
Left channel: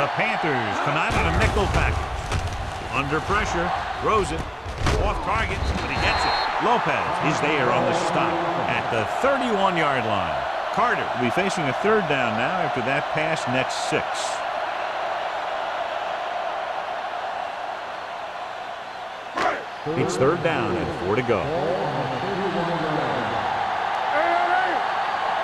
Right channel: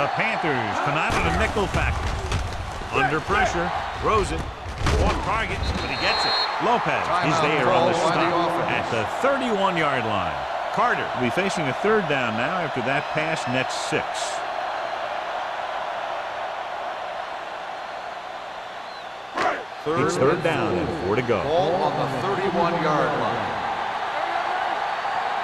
The Panthers come out in a nickel package. Under pressure. Throws it. Off target, but he gets it. Lopez is there on the stop at the 31-yard line. Carter will be facing a 3rd down now after that pass nets 6. It's 3rd down and 4 to go. Ball on the 31-yard line.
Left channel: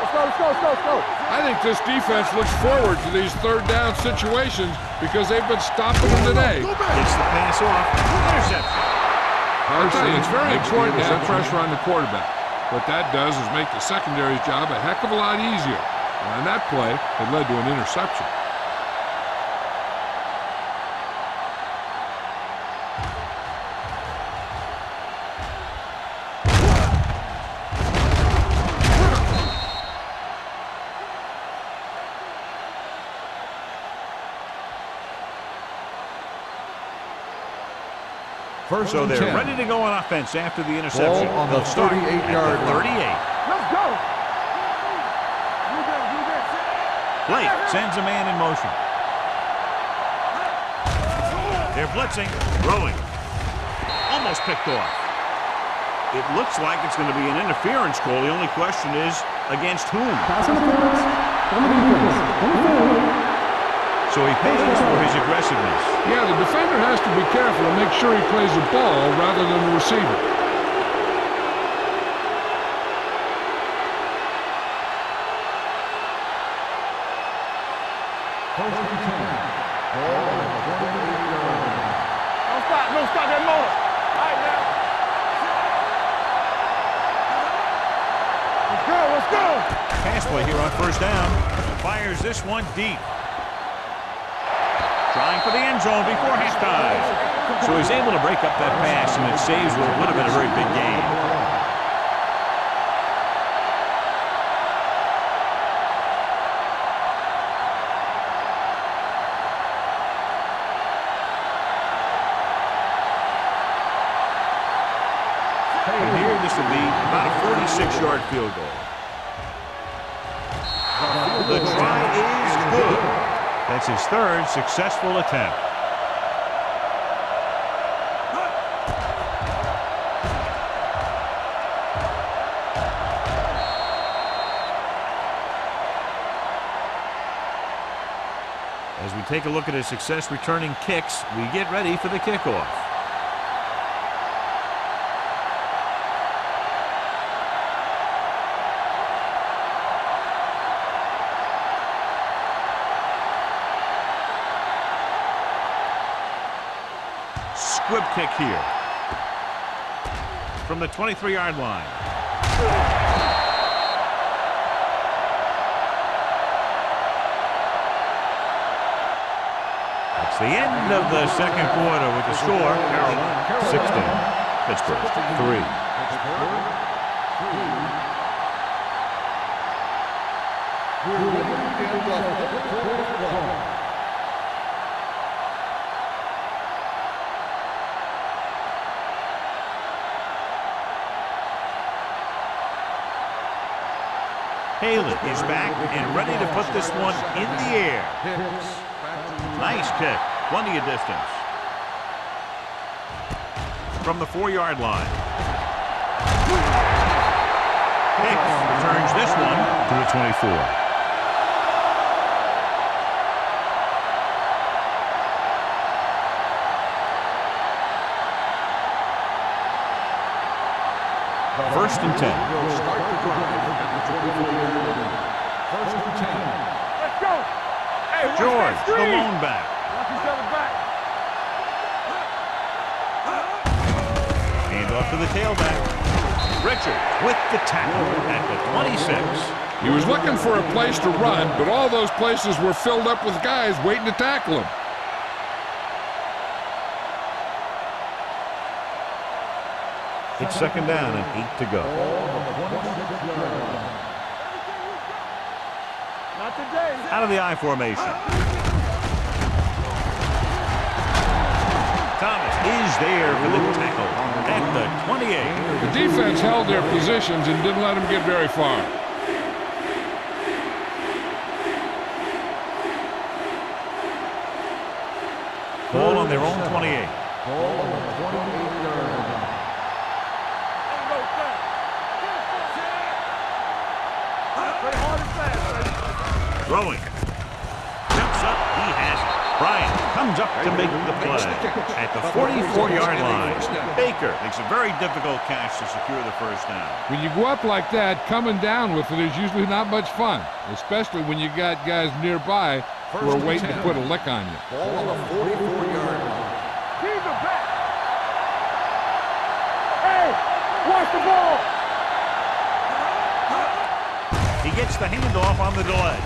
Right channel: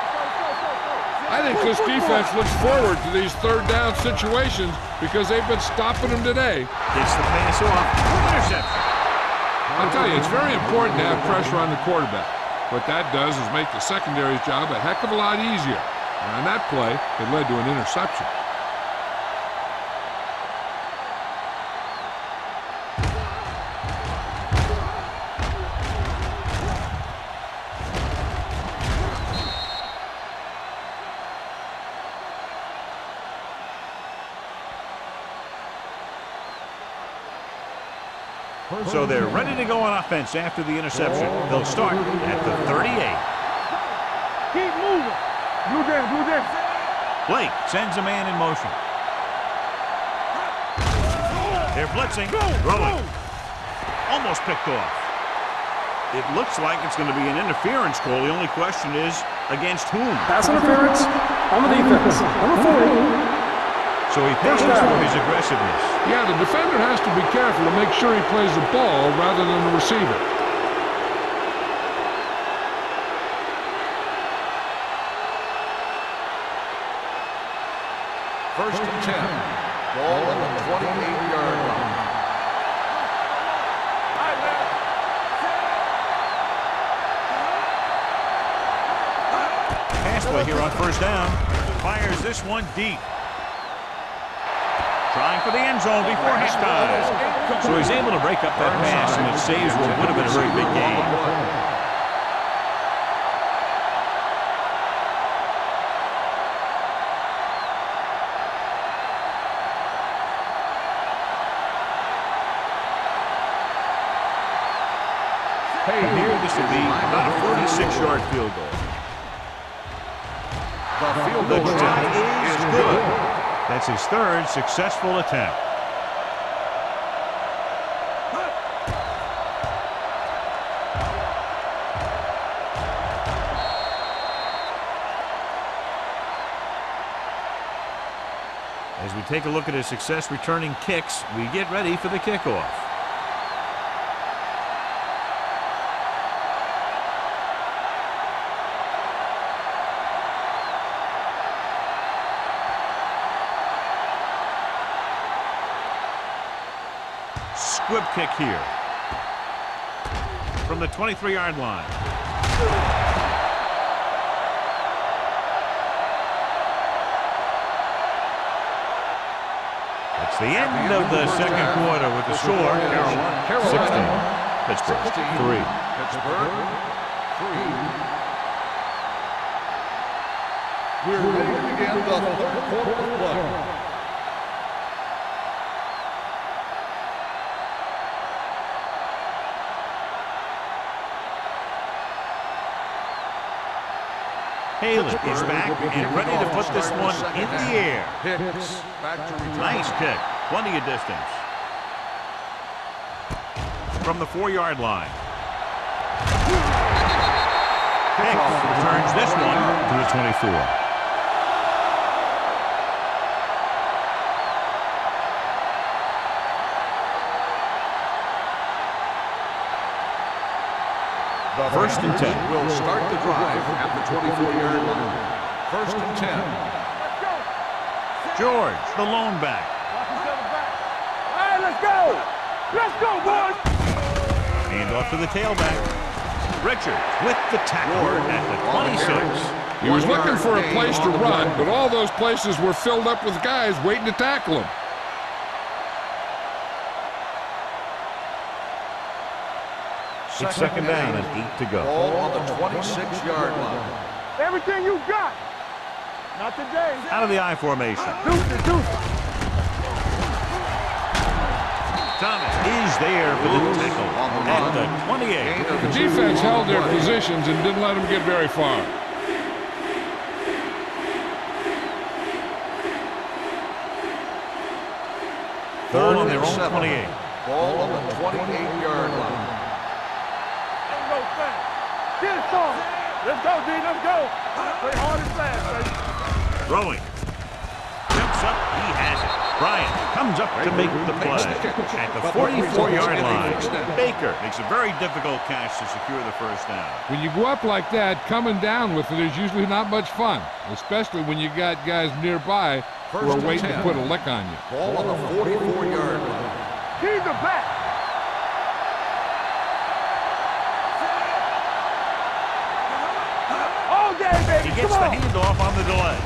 Let's go. I think this defense looks forward to these 3rd down situations because they've been stopping them today. Gets the pass off. Interception. I'll tell you, it's very important to have pressure on the quarterback. What that does is make the secondary's job a heck of a lot easier. And on that play, it led to an interception. So they're ready to go on offense after the interception. They'll start at the 38. Let's go. Keep moving. Blue game. Blake sends a man in motion. They're blitzing, throwing. Almost picked off. It looks like it's going to be an interference call. The only question is, against whom? Pass interference on the defense. Number 4. So he pays for his aggressiveness. Yeah, the defender has to be careful to make sure he plays the ball rather than the receiver. First and 10. Ball on the 28-yard line. Don't stop that more. All right, now. Let's go. Pass play here on first down. Fires this one deep. Trying for the end zone before halftime. So he's able to break up that pass, and it saves what would have been a very big game. And here this will be about a 46-yard field goal. The try is good. That's his third successful attempt. As we take a look at his success returning kicks, we get ready for the kickoff. Squib kick here from the 23-yard line. That's the end of the second quarter with the score. Carolina 16, Pittsburgh 3. Pittsburgh 3. We're ready to begin the third quarter of play. Haley is back and ready to put this one in the air. Hicks back to return. Nice kick. Plenty of distance. From the 4-yard line. Hicks returns this one to the 24. First and 10. Will start the drive at the 24-yard line. First and 10. Let's go. Hey, George, the lone back. Watch each other back. All right, let's go. Let's go, boys. Hand off to the tailback. Richard with the tackle at the 26. He was looking for a place to run, but all those places were filled up with guys waiting to tackle him. It's second down and 8 to go. Ball on the 26-yard line. Everything you got. Not today. Out of the I formation. Thomas is there for the tackle at the 28. The defense held their positions and didn't let them get very far. Ball on their own 28. Ball on the 28-yard line. Ain't no fast. Get some. Let's go, D. Let's go. Play hard and fast, baby. Throwing. Jumps up. He has it. Bryant comes up to make the play at the 44-yard line. Baker makes a very difficult catch to secure the first down. When you go up like that, coming down with it is usually not much fun, especially when you got guys nearby who are waiting to put a lick on you. Ball on the 44-yard line. Keep the back. Hey, watch the ball. All that, baby. He gets the handoff on the delay.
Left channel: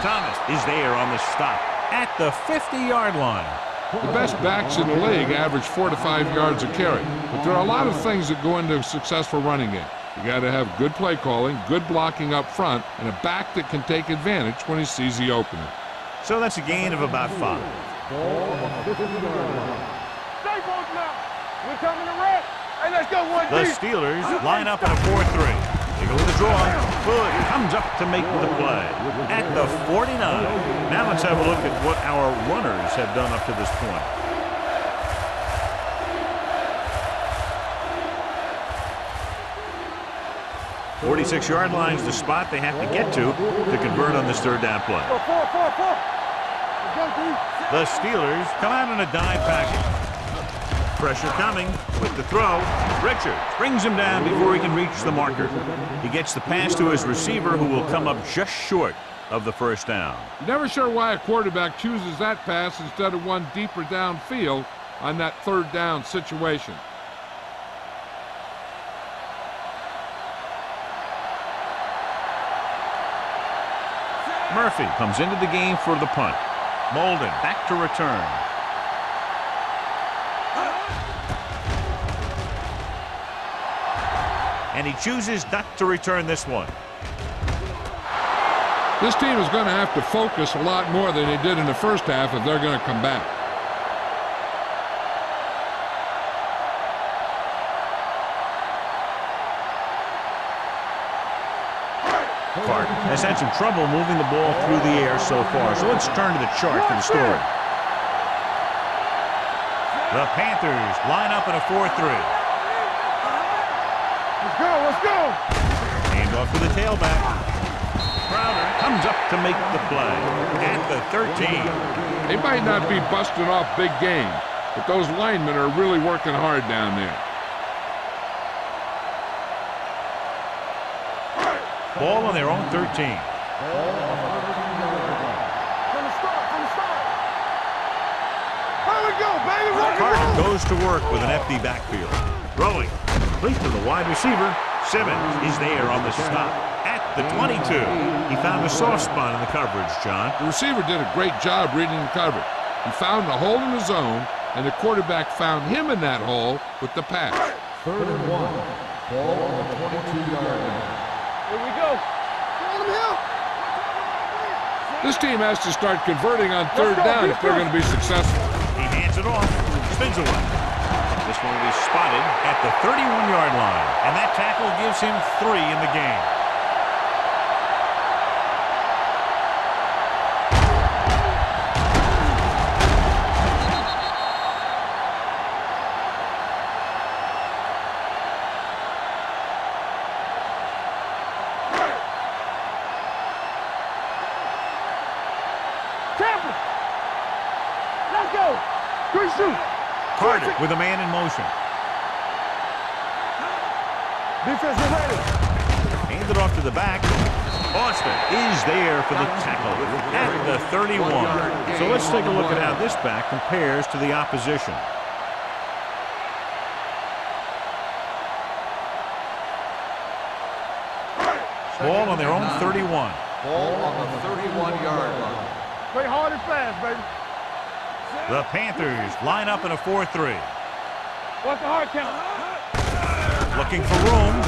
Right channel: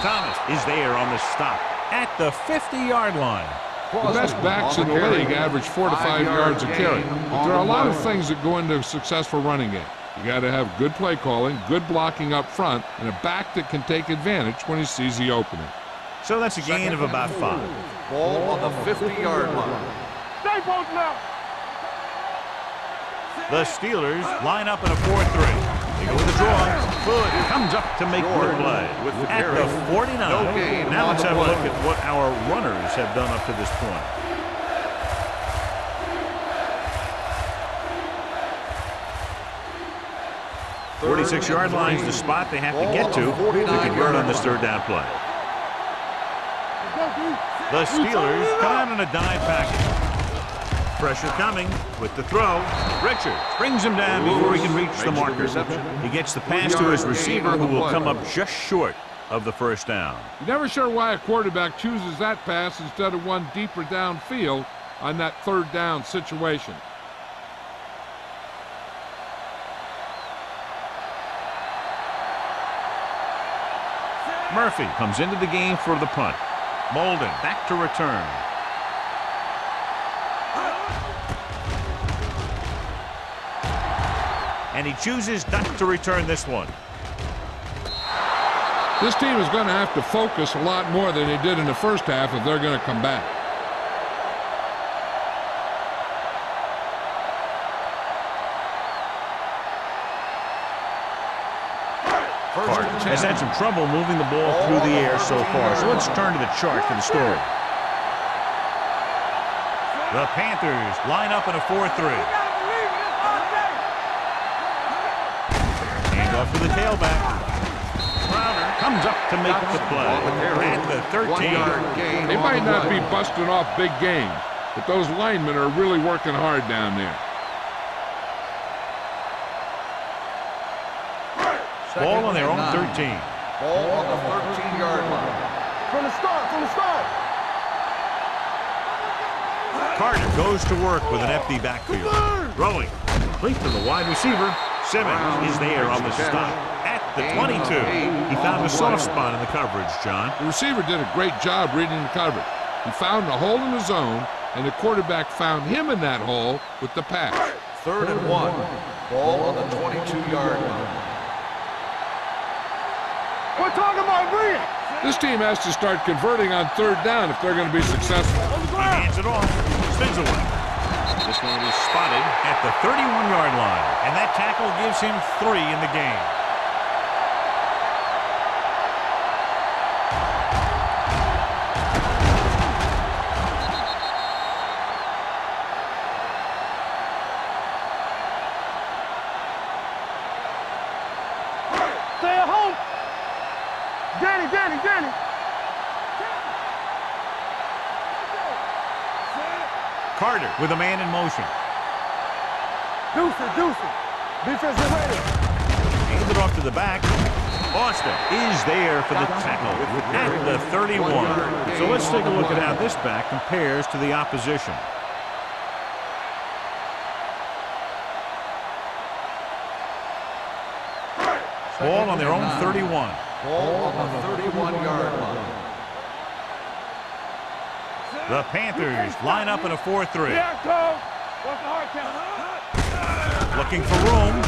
Thomas is there on the stop at the 50-yard line. The best backs in the league average 4 to 5 yards a carry, but there are a lot of things that go into a successful running game. You got to have good play calling, good blocking up front, and a back that can take advantage when he sees the opening. So that's a gain of about 5. Ball on the 50-yard line. Stay both now. We're coming to red. Hey, let's go. The Steelers line up in a 4-3. They go with the draw. Foot comes up to make the play at the 49. Now let's have a look at what our runners have done up to this point. "46-yard line's the spot they have to get to convert on this third down play. The Steelers come out in a dime package. Pressure coming with the throw. Richards brings him down before he can reach the marker. He gets the pass to his receiver, who will come up just short of the first down. You're never sure why a quarterback chooses that pass instead of one deeper downfield on that third down situation. Murphy comes into the game for the punt. Molden back to return. And he chooses not to return this one. This team is going to have to focus a lot more than they did in the first half if they're going to come back. Carter has had some trouble moving the ball through the air so far, so let's turn to the chart for the story. The Panthers line up in a 4-3. Let's go. Hand off to the tailback. Crowder comes up to make the play at the 13. They might not be busting off big games, but those linemen are really working hard down there. Ball on their own 13. Ball on the 13-yard line. From the start. There we go, baby. Carter goes to work with an empty backfield. Throwing complete to the wide receiver. Simmons is there on the stop at the 22. He found a soft spot in the coverage, John. The receiver did a great job reading the coverage. He found a hole in the zone, and the quarterback found him in that hole with the pass. 3rd and 1. Ball on the 22-yard line. We're talking about bringing. This team has to start converting on third down if they're going to be successful. He hands it off, spins away. This one will be spotted at the 31-yard line, and that tackle gives him 3 in the game. Carter with a man in motion. Deuce. Defense is ready. Handed off to the back. Austin is there for the tackle at the 31. So let's take a look at how this back compares to the opposition. Ball on their own 31. Ball on the 31-yard line. Play hard and fast, baby. The Panthers line up in a 4-3. What's the hard count? Looking for room.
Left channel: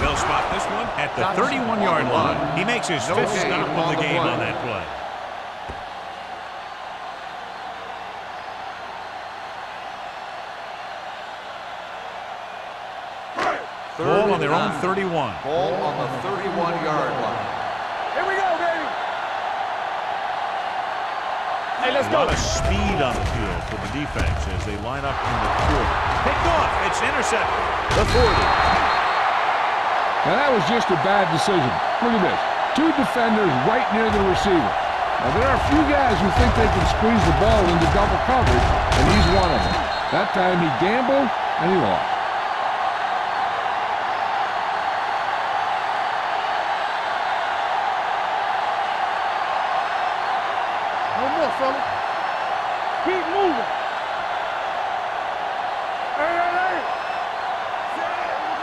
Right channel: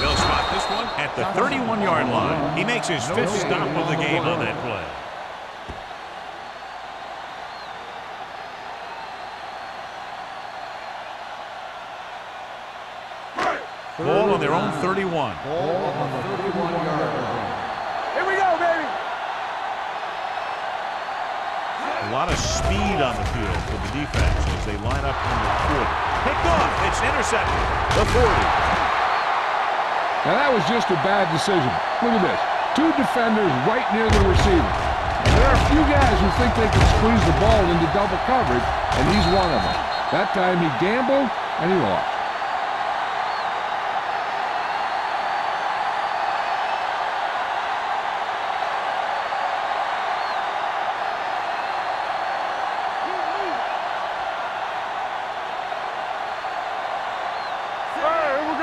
They'll spot this one at the 31-yard line. He makes his 5th stop of the game on that play. Ball on their own 31. Ball on the 31-yard line. Here we go, baby. A lot of speed on the field for the defense as they line up in the quarter. Picked off. It's intercepted. The 40. Now that was just a bad decision. Look at this. 2 defenders right near the receiver. Now, there are a few guys who think they can squeeze the ball into double coverage, and he's one of them. That time he gambled, and he lost.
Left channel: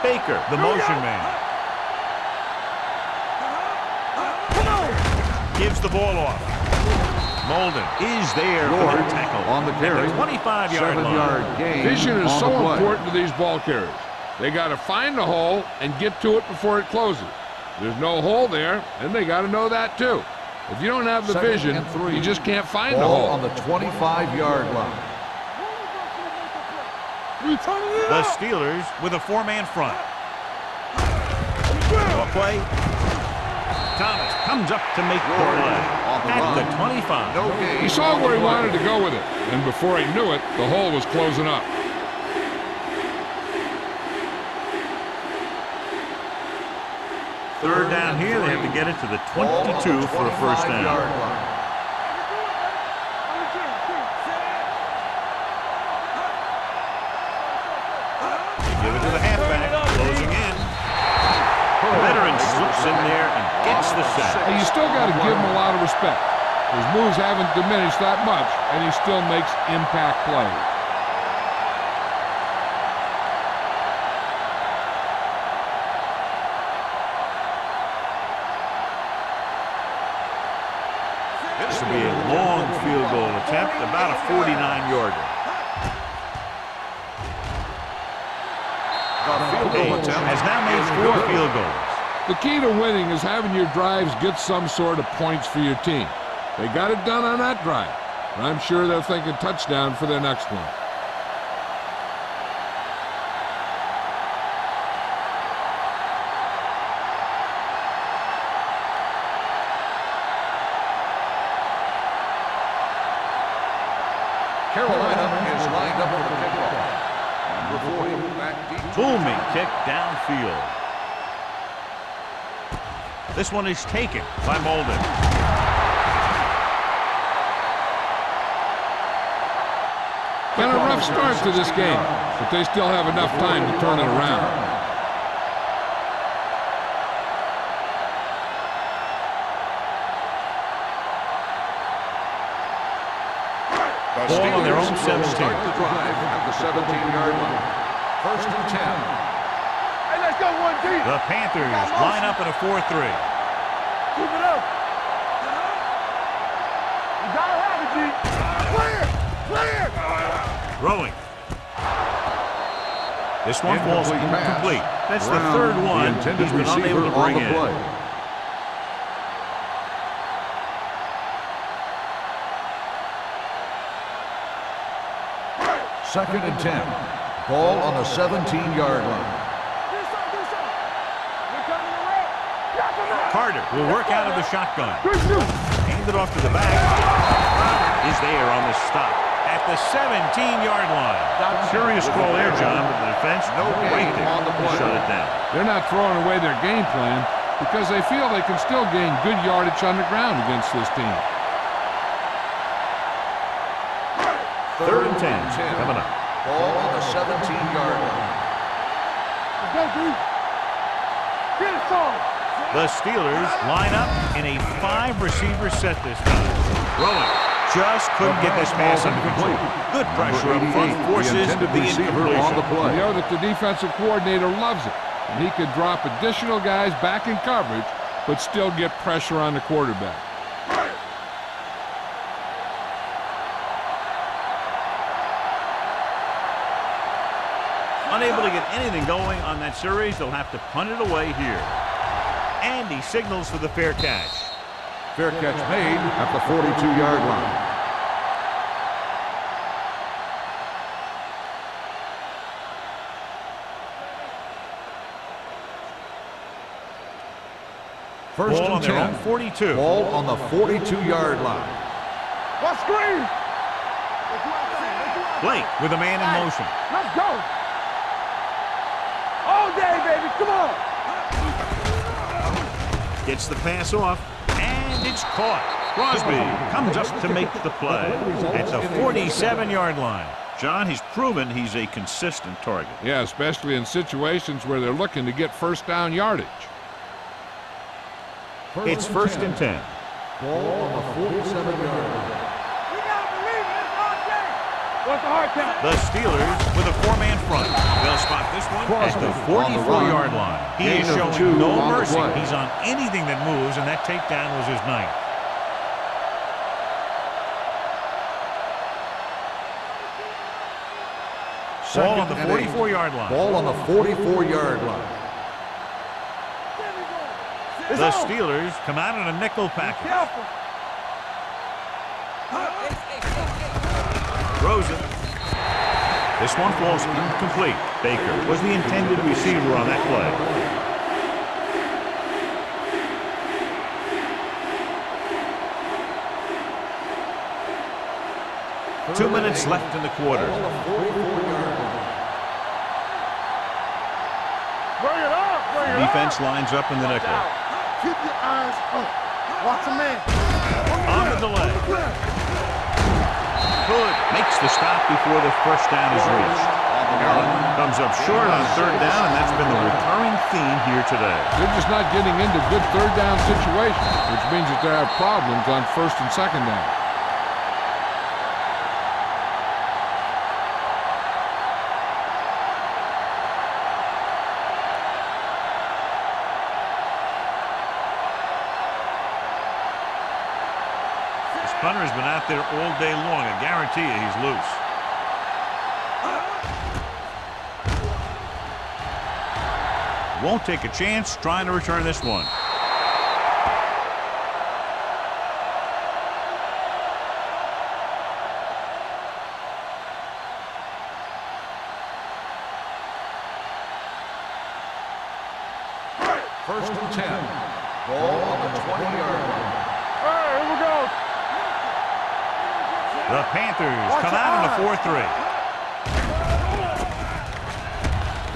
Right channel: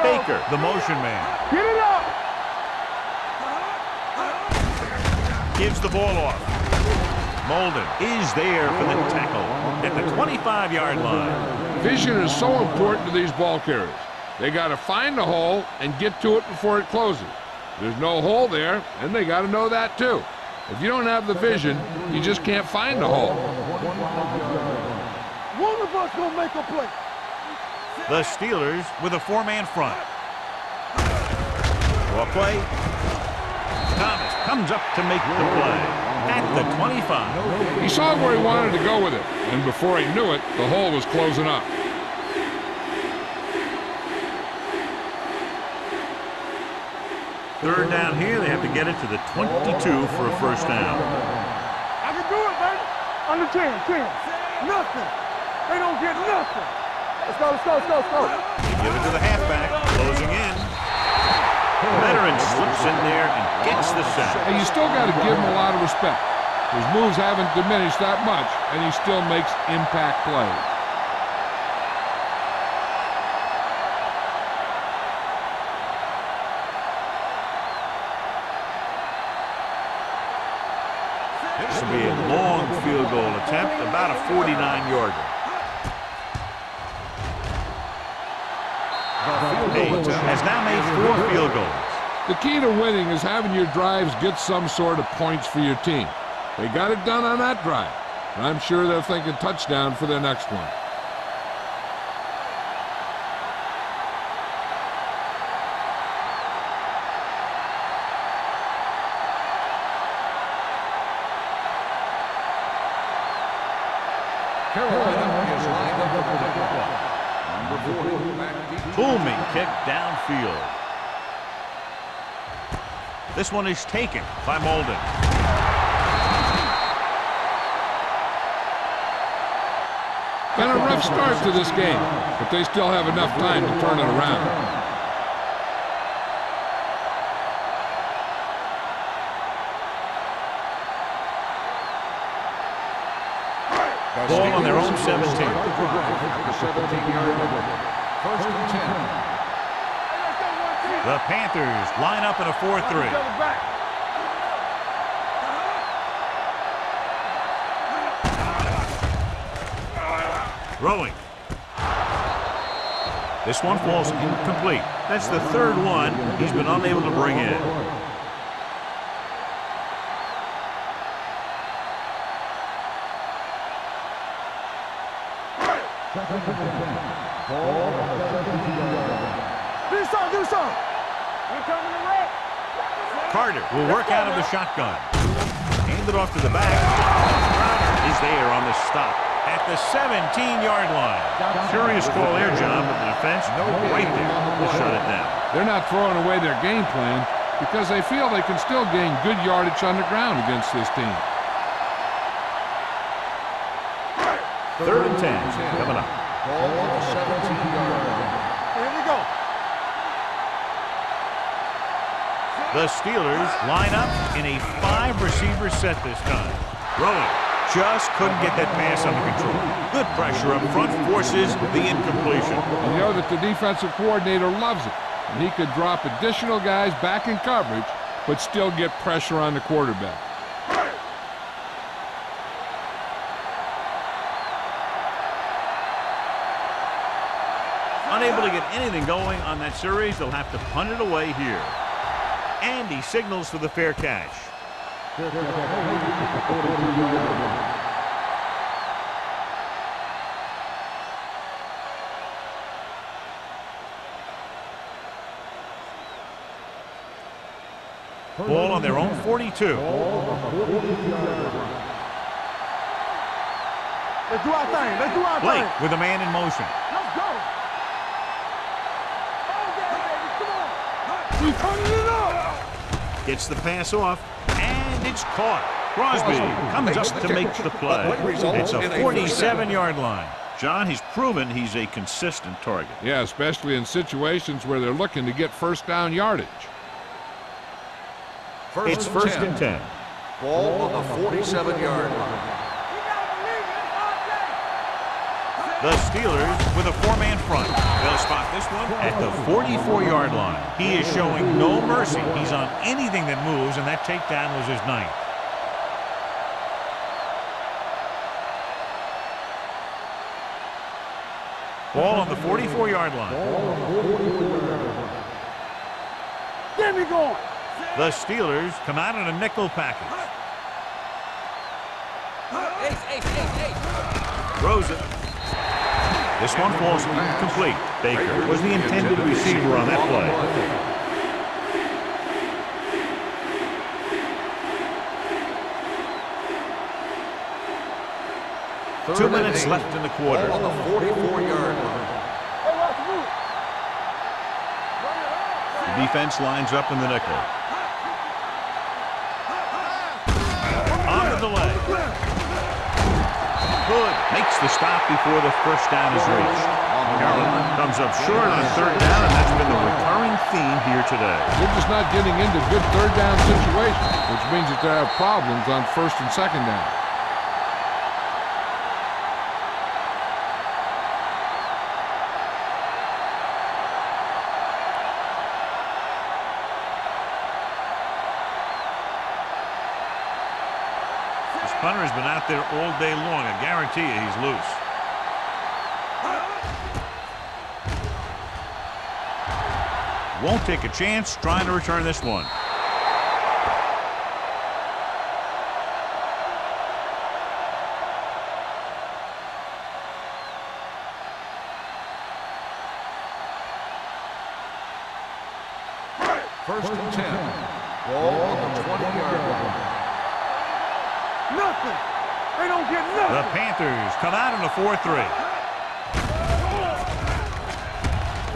Baker, the motion man. Gives the ball off. Molden is there for the tackle at the 25-yard line. Vision is so important to these ball carriers. They got to find the hole and get to it before it closes. There's no hole there, and they got to know that too. If you don't have the vision, you just can't find the hole. On the 25-yard line. The Steelers with a four-man front. Ball play. Thomas comes up to make the play at the 25. He saw where he wanted to go with it, and before he knew it, the hole was closing up. Third down here, they have to get it to the 22 for a first down. I can do it, baby. Under 10. Nothing. They don't get nothing. Let's go. They give it to the halfback, closing in. The veteran slips in there and gets the sack. Hey, you still got to give him a lot of respect. His moves haven't diminished that much, and he still makes impact plays. This will be a long field goal attempt, about a 49-yarder. Hayes has now made 4 field goals. The key to winning is having your drives get some sort of points for your team. They got it done on that drive, but I'm sure they're thinking touchdown for their next one. Carolina is lined up for the kickoff. Number 40, back deep. Booming kick downfield. This one is taken by Molden. Been a rough start to this game, but they still have enough time to turn it around. Ball on their own 17. Start the drive at the 17-yard line. First and 10. Hey, let's go 1 deep. The Panthers line up in a 4-3. Keep it up. You gotta have it, G. Throwing. This one falls incomplete. That's the third one he's been unable to bring in. Second and 10. Ball on the 17-yard line. Do something. We're coming to red. Carter will work out of the shotgun. Hand it off to the back. Crowder is there on the stop at the 17-yard line. Curious call there, John, but the defense right there to shut it down. They're not throwing away their game plan because they feel they can still gain good yardage on the ground against this team. Third and 10 coming up. Ball on the 17-yard line. There we go. Let's go, G. Get it started. The Steelers line up in a 5-receiver set this time. Throwing. Just couldn't get this pass under control. Good pressure up front forces the incompletion. You know that the defensive coordinator loves it, and he could drop additional guys back in coverage, but still get pressure on the quarterback. Unable to get anything going on that series, they'll have to punt it away here. And he signals for the fair catch. Fair catch made at the 42-yard line. Ball on their own 42. Ball on the 42-yard line. Let's screen. Let's do our thing. Blake with a man in motion. Let's go. All day, baby. Come on. Gets the pass off, and it's caught. Crosby comes up to make the play at the 47-yard line. John, he's proven he's a consistent target. Yeah, especially in situations where they're looking to get first down yardage. It's first and 10. Ball on the 47-yard line. We gotta believe it. It's our day. What's the hard count? The Steelers with a 4-man front. They'll spot this one at the 44-yard line. He is showing no mercy. He's on anything that moves, and that takedown was his 9th. Ball on the 44-yard line. Ball on the 44-yard line. There we go. The Steelers come out in a nickel package. Throws it. This one falls incomplete. Baker was the intended receiver on that play. 2 minutes left in the quarter. On the 44-yard line. Defense lines up in the nickel. On the delay. Hood makes the stop before the first down is reached. Carolina comes up short on third down, and that's been the recurring theme here today. They're just not getting into good third down situations, which means that they have problems on first and second down. This punter has been out there all day long. I guarantee you he's loose. Won't take a chance trying to return this one. First and 10. Ball on the 20-yard line. The Panthers come out in a 4-3.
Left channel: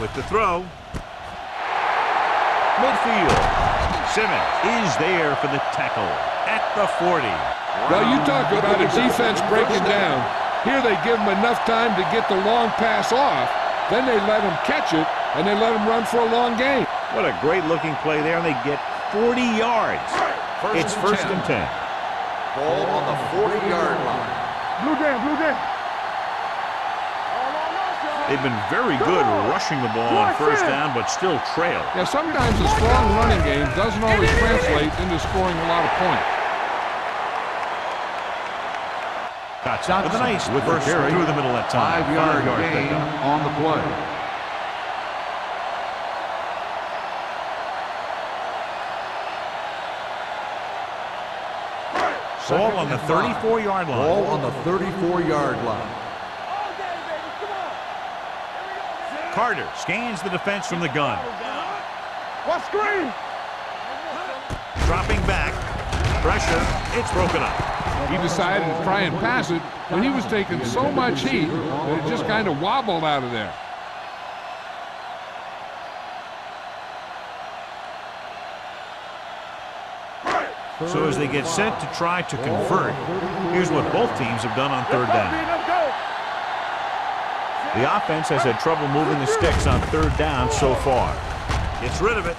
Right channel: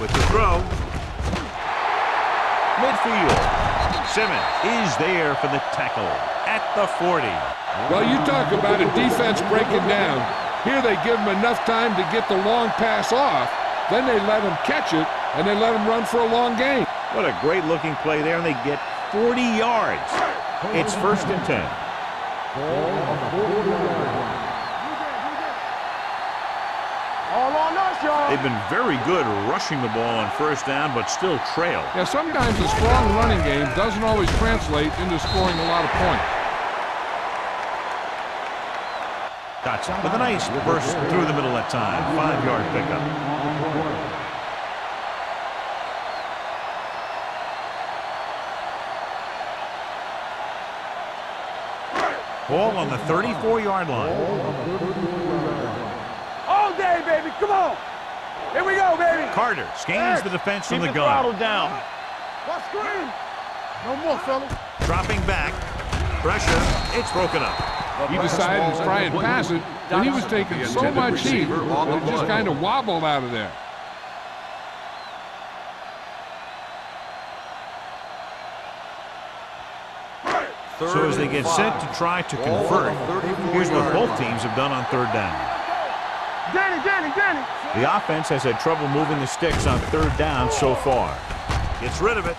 With the throw. Midfield. Simmons is there for the tackle at the 40. Well, you talk about a defense breaking down. Here they give them enough time to get the long pass off. Then they let him catch it, and they let him run for a long gain. What a great-looking play there, and they get 40 yards. It's first and 10. Ball on the 40-yard line. They've been very good rushing the ball on first down, but still trail. Yeah, sometimes a strong running game doesn't always translate into scoring a lot of points. That's with a nice burst through the middle that time. 5-yard pickup. On the play. Ball on the 34-yard line. Ball on the 34-yard line. All day, baby. Come on. Here we go, baby. Carter scans the defense from the gun. What screen? No more, fella. Dropping back. Pressure. It's broken up. He decided to try and pass it, but he was taking so much heat that it just kind of wobbled out of there. So as they get set to try to convert, here's what both teams have done on third down. The offense has had trouble moving the sticks on third down so far. Gets rid of it.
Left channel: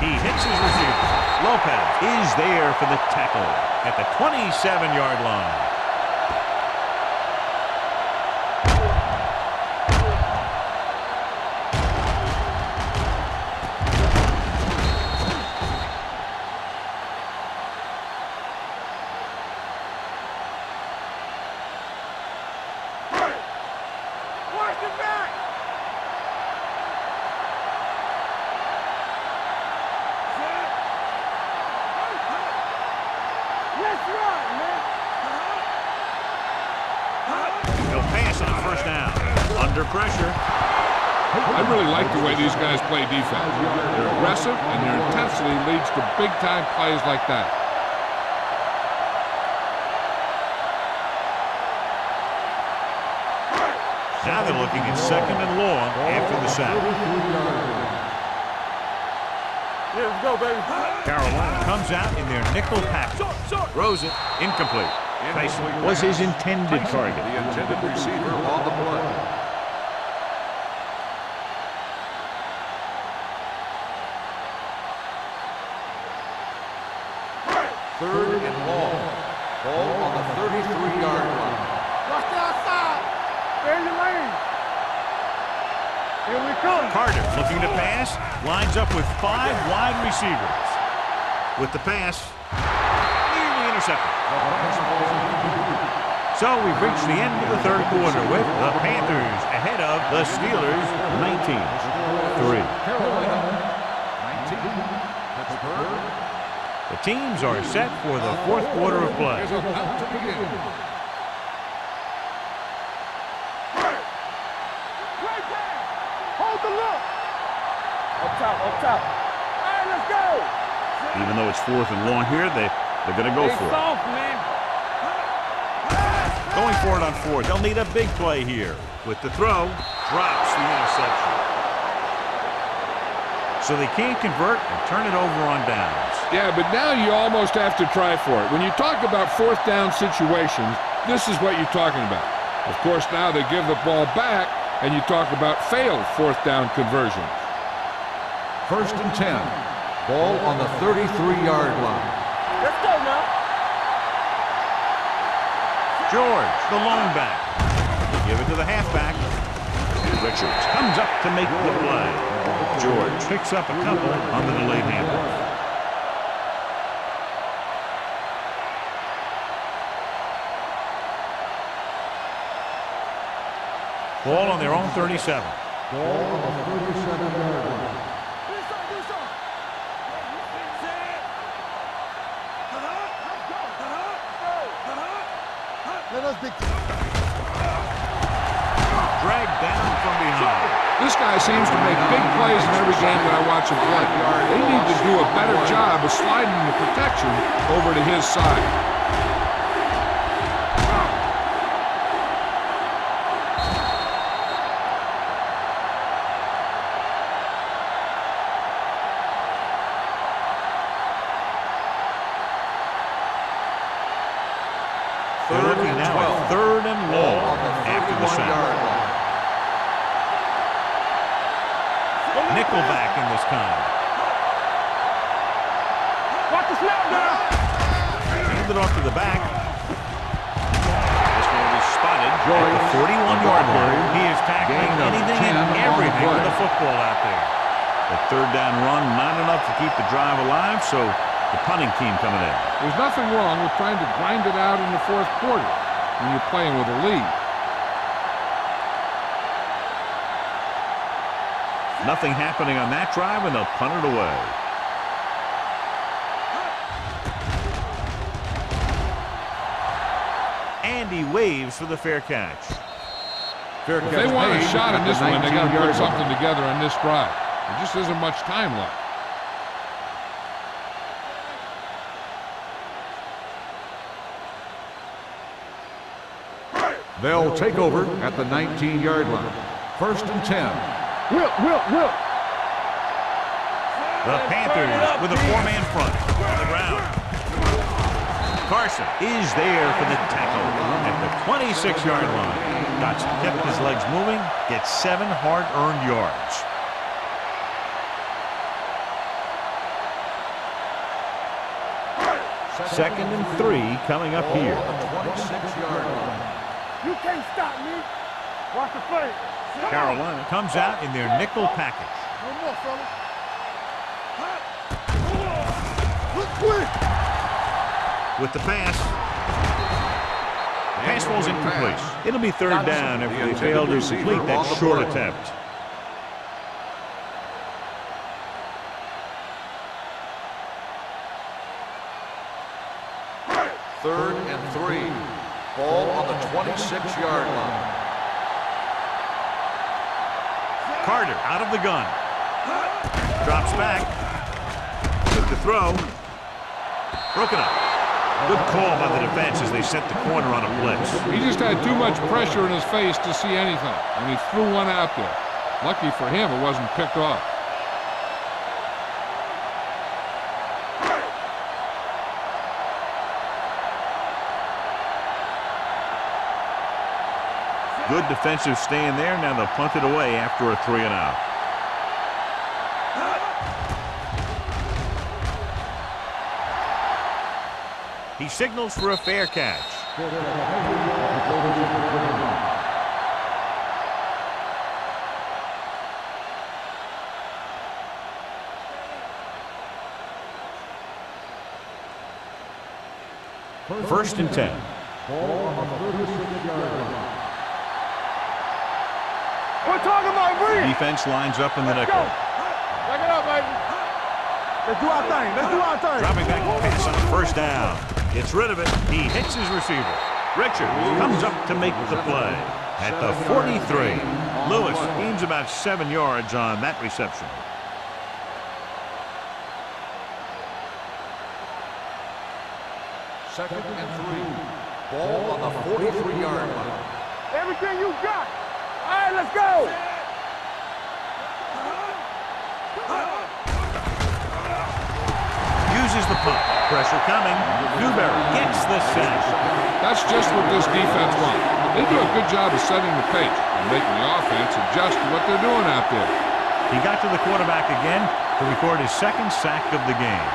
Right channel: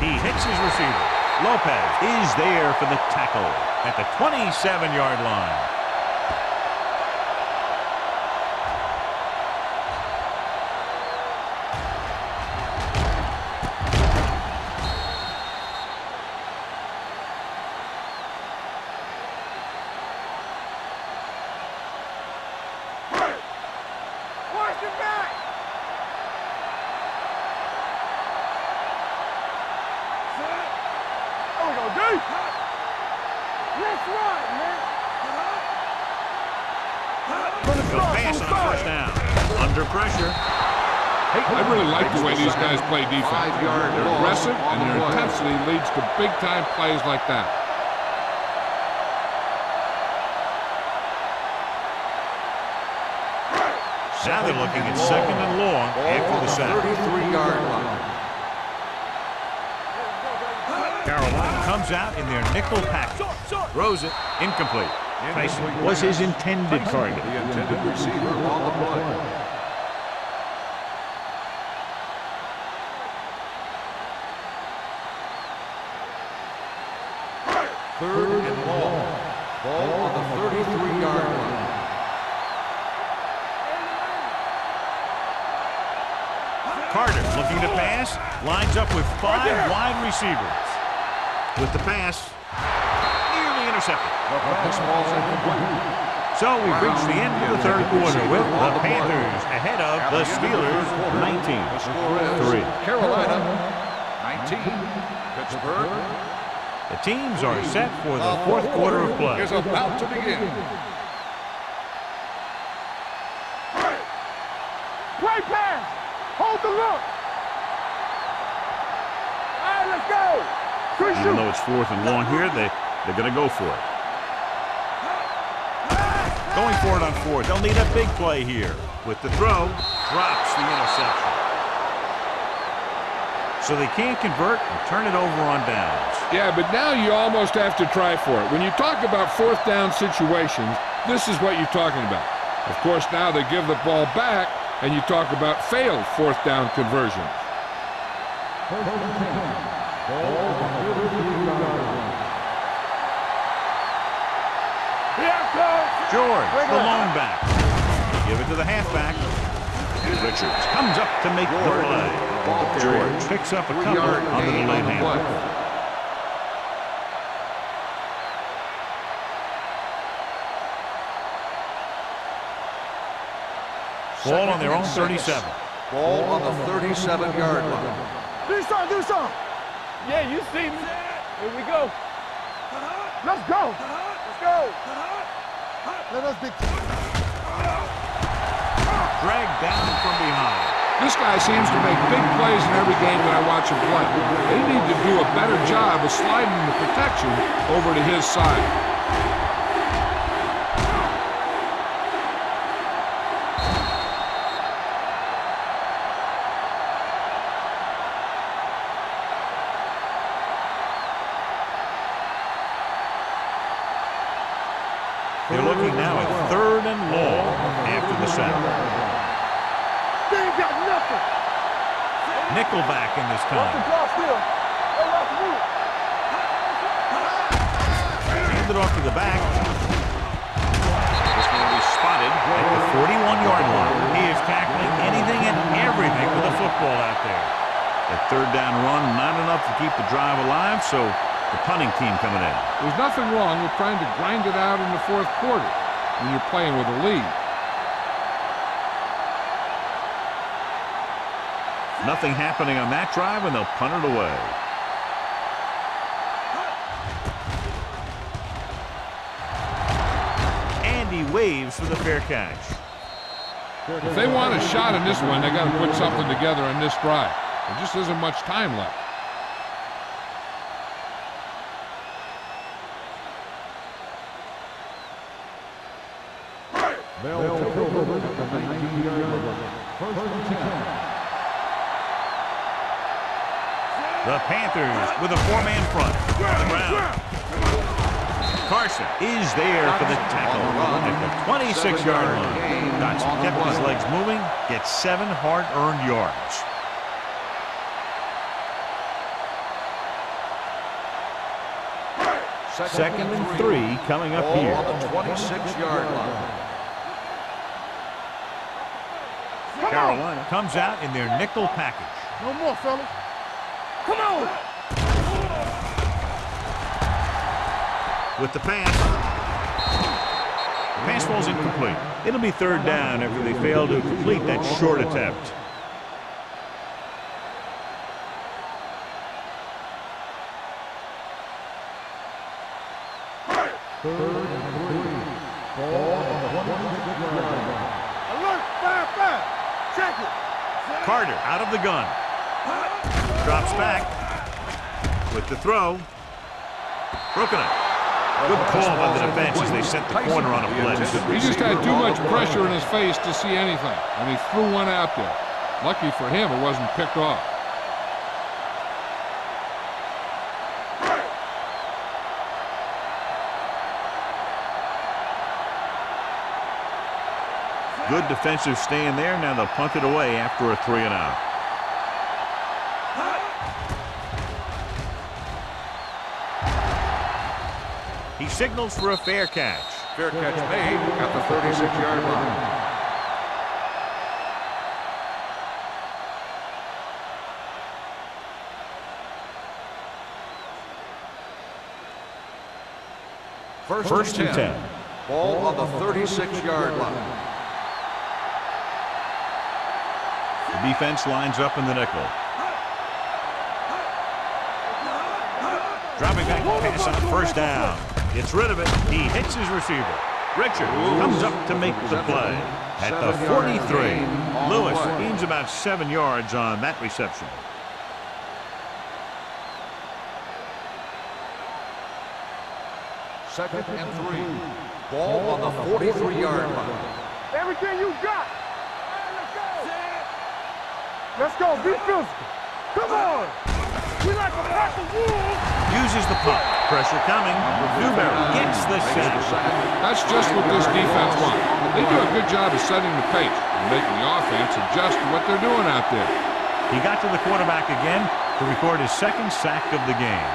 He hits his receiver. Lopez is there for the tackle at the 27-yard line. He'll pass on first down. Under pressure. I really like the way these guys play defense. They're aggressive, and their intensity leads to big-time plays like that. Now they're looking at second and long after the sack. Carolina comes out in their nickel package. Throws it. Incomplete. Tyson was his intended target. The intended receiver on the play. Third and long. Ball on the 33-yard line. Carter looking to pass. Lines up with 5 wide receivers. With the pass. Nearly intercepted. The fastball's incomplete. So we've reached the end of the third quarter with the Panthers ahead of the Steelers 19-3. Carolina 19. Pittsburgh The teams are set for the fourth quarter of play. is about to begin. Even though it's 4th and long here, they're going to go for it. Going for it on 4th. They'll need a big play here. With the throw, drops the interception. So they can't convert and turn it over on downs. Yeah, but now you almost have to try for it. When you talk about 4th down situations, this is what you're talking about. Of course, now they give the ball back, and you talk about failed 4th down conversions. 1st and 10. Ball on the 33-yard line. Let's go now. Yeah, George, the lone back. They give it to the halfback. Richards comes up to make the play. George picks up a couple on the delayed handoff. Ball on their own 37. Ball on the 37-yard line. do something. Yeah, you see that. Here we go. Let's go. Let us be. Dragged down from behind. This guy seems to make big plays in every game that I watch him play. They need to do a better job of sliding the protection over to his side. They're looking now at 3rd and long after the sack. Nickelback in this time. Hand it off to the back. This man is spotted at the 41-yard line. He is tackling anything and everything with a football out there. That 3rd down run, not enough to keep the drive alive, so the punting team coming in. There's nothing wrong with trying to grind it out in the 4th quarter when you're playing with a lead. Nothing happening on that drive, and they'll punt it away. And he waves for the fair catch. If they want a shot in this one, they got to put something together on this drive. There just isn't much time left. They'll take over at the 19-yard line. 1st and 10. Whip. The Panthers with a 4-man front on the ground. Carson is there for the tackle at the 26-yard line. Dotson kept his legs moving, gets 7 hard-earned yards. Second and 3 coming up here. On the 26-yard line. You can't stop me. Watch the play. Come Carolina comes out in their nickel package. on. No more, fellas. Come on. Quick. With the pass. The pass falls incomplete. It'll be 3rd down after they fail to complete that short attempt. Third and 3. Ball on the 26-yard line. Alert, back. Check it. Carter out of the gun. Drops back. With the throw. Broken up. Good call by the defense as they set the corner on a blitz. He just had too much pressure in his face to see anything, and he threw one out there. Lucky for him, it wasn't picked off. Good defensive stand there. Now they'll punt it away after a 3 and out. He signals for a fair catch. Fair catch made at the 36-yard line. First and 10. Ball on the 36-yard line. We're talking about Reed. Defense lines up in the nickel. Back it up, baby. Let's do our thing. Dropping back to pass on 1st down. Gets rid of it. He hits his receiver. Richards comes up to make the play at the 43. Lewis gains about 7 yards on that reception. 2nd and 3. Ball on the 43-yard line. Everything you got. All right, let's go. Let's go. Be good. Come on. Uses the punt. Pressure coming. Newberry gets the sack. That's just what this defense wants. They do a good job of setting the pace and making the offense adjust to what they're doing out there. He got to the quarterback again to record his 2nd sack of the game.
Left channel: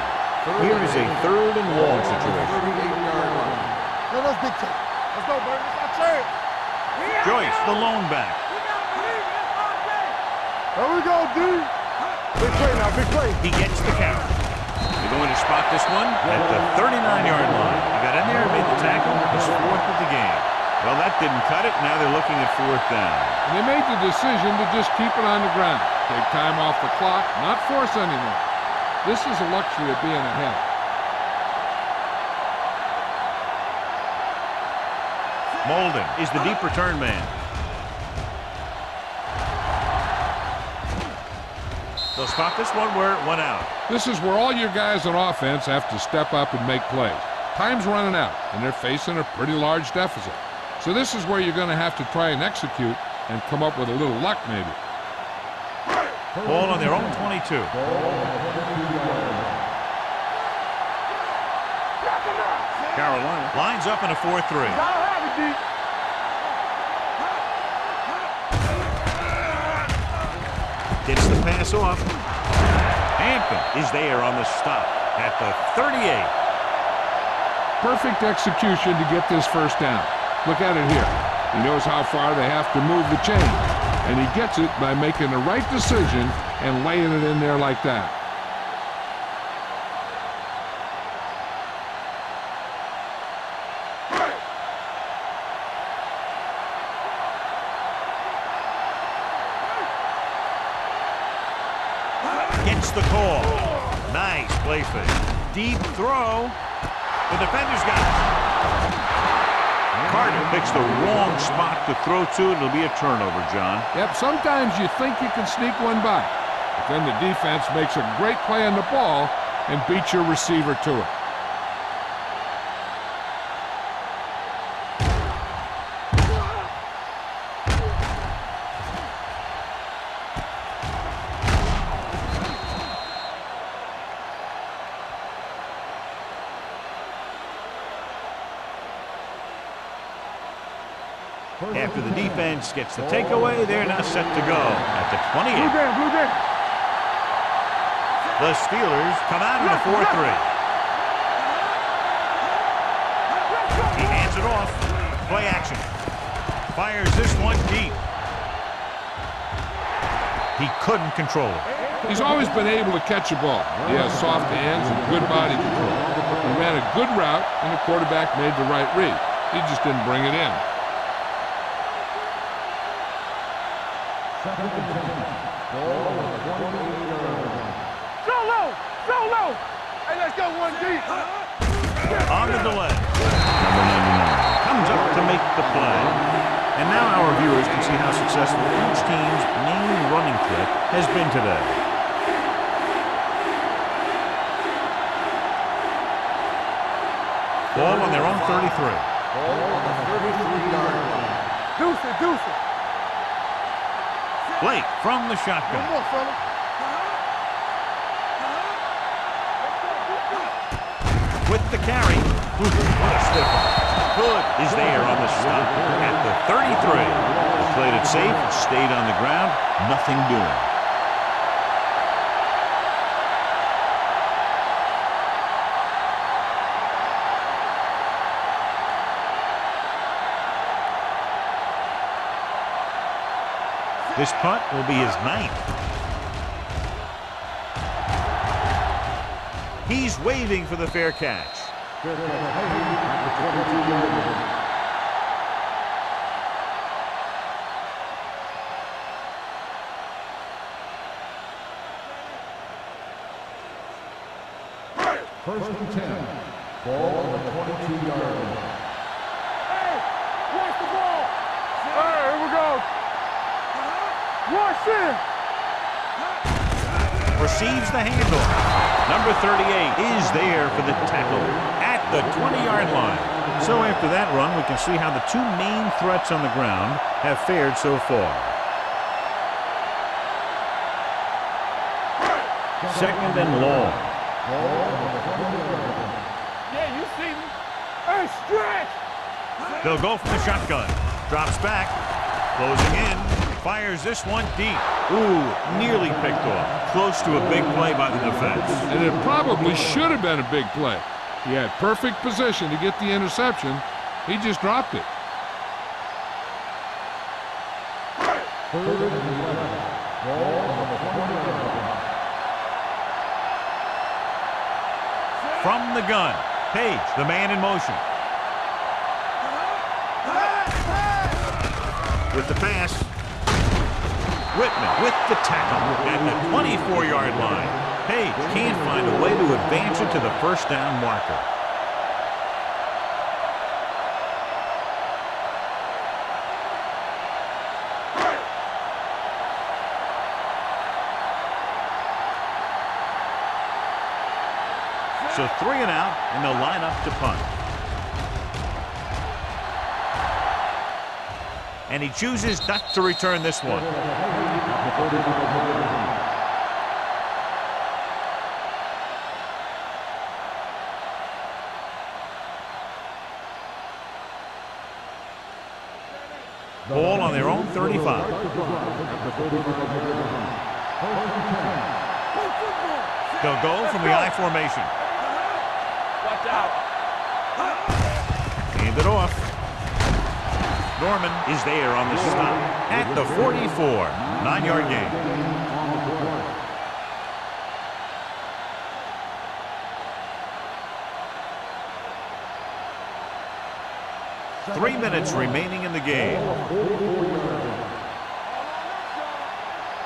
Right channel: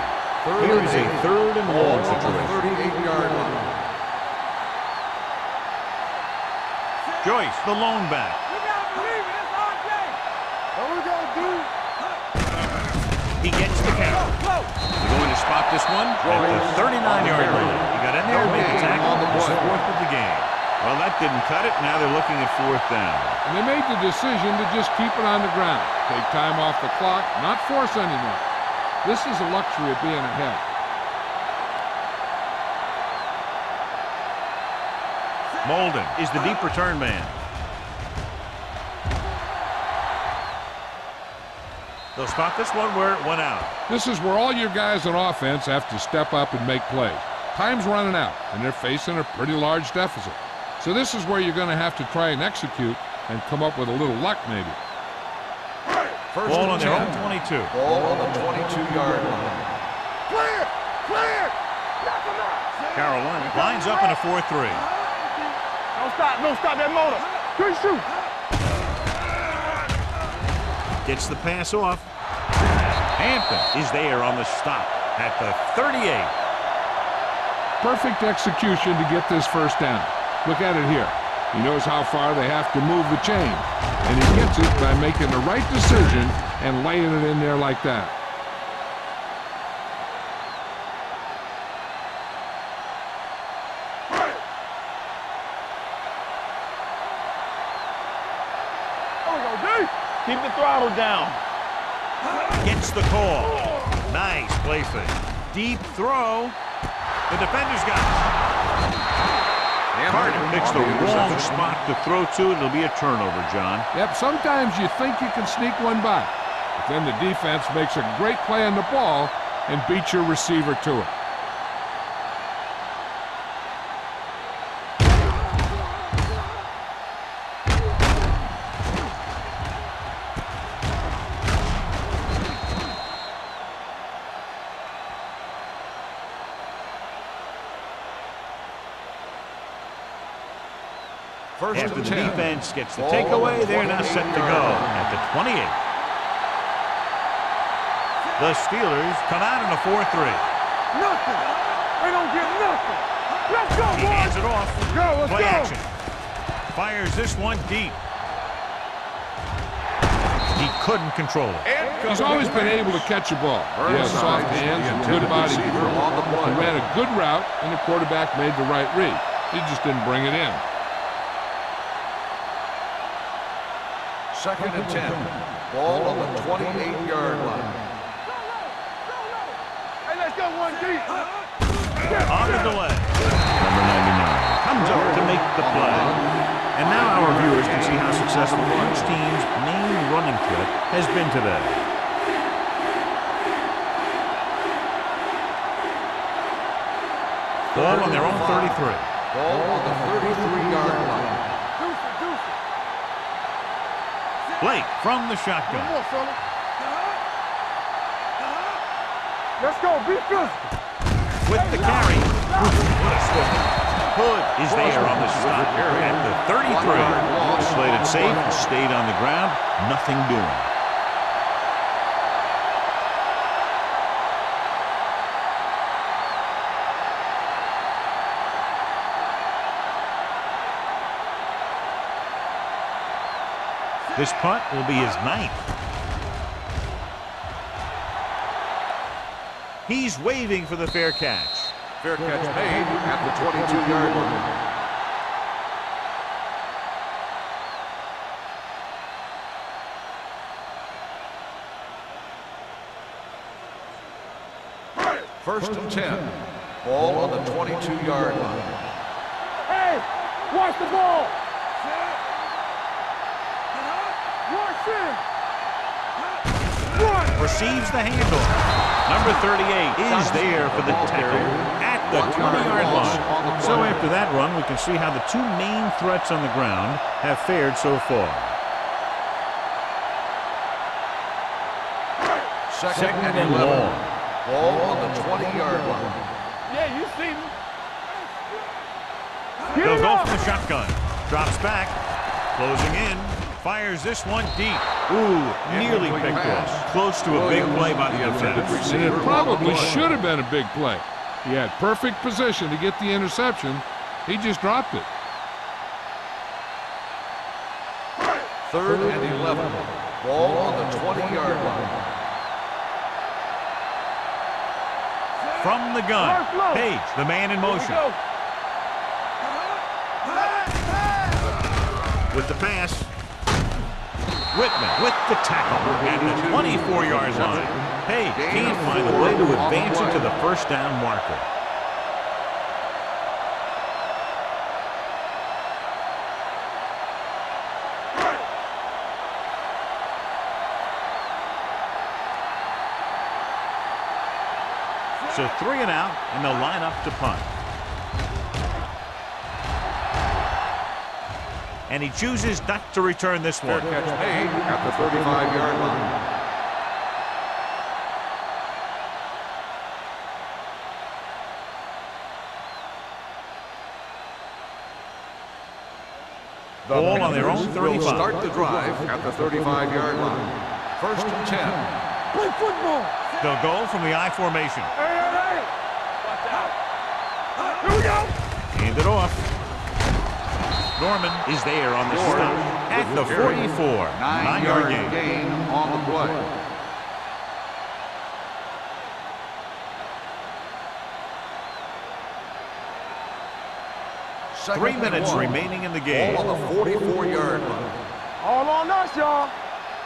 Here is a 3rd and long situation. 38-yard line. Let's go, baby. That's our chance. Joyce, the lone back. We gotta believe it. It's our day. There we go, dude. He gets the carry. They're going to spot this one at the 39-yard line. He got in there and made the tackle. His 4th of the game. Well, that didn't cut it. Now they're looking at 4th down. And they made the decision to just keep it on the ground. Take time off the clock, not force anything. This is a luxury of being ahead. Molden is the deep return man. They'll spot this one where it went out. This is where all your guys on offense have to step up and make plays. Time's running out, and they're facing a pretty large deficit. So this is where you're going to have to try and execute and come up with a little luck maybe. Ball on their own 22. Ball on the 22-yard line. Carolina lines up in a 4-3. Don't stop that motor. Good shoot. Gets the pass off. Hampton is there on the stop at the 38. Perfect execution to get this 1st down. Look at it here. He knows how far they have to move the chain, and he gets it by making the right decision and laying it in there like that. Keep the throttle down. Gets the call. Nice play fake. Deep throw. The defender's got it. Carter picks the wrong spot to throw to. It'll be a turnover, John. Yep, sometimes you think you can sneak one by, but then the defense makes a great play on the ball and beats your receiver to it. After the defense gets the takeaway, they're now set to go at the 28. The Steelers come out in a 4-3. He hands it off. Play action. Fires this one deep. He couldn't control it. He's always been able to catch a ball. He has soft hands and good body control. He ran a good route, and the quarterback made the right read. He just didn't bring it in. 2nd and 10. Ball on the 28-yard line. Solo. Hey, let's go one deep. On the delay. Number 99 comes up to make the play. And now our viewers can see how successful each team's main running threat has been today. Ball on their own 33. Ball on the 33-yard line. Deuce it. Blake from the shotgun. One more, fella. Let's go. Be good. With the carry. What a stiff one. Hood is there on the stop at the 33. They played it safe, stayed on the ground, nothing doing. This punt will be his 9th. He's waving for the fair catch. Fair catch made at the 22-yard line. First and 10. Ball on the 22-yard line. Hey, watch the ball. Here we go. Watch it. Receives the handoff. Number 38 is there for the tackle at the 20-yard line. So after that run, we can see how the two main threats on the ground have fared so far. Second and long. Ball on the 20-yard line. Yeah, you see me. Hey, stretch. They'll go from the shotgun. Drops back. Closing in. Fires this one deep. Ooh, nearly picked off. Close to a big play by the defense. And it probably should have been a big play. He had perfect position to get the interception. He just dropped it. Third and 11. Ball on the 20-yard line. From the gun. Page, the man in motion. With the pass. Whitman with the tackle at the 24-yard line. Page can't find a way to advance it to the first down marker. So 3 and out, and they'll line up to punt. And he chooses not to return this one. Catch made at the 35-yard line. Ball on their own 35. Start the drive at the 35-yard line. First and 10. Play football. They'll go from the I formation. Hey. Watch out. Hand it off. Norman is there on the stop at the 44. 9-yard gain. On the play. Second 3 minutes and 1. remaining in the game. Ball on the 44-yard line. All on us, y'all.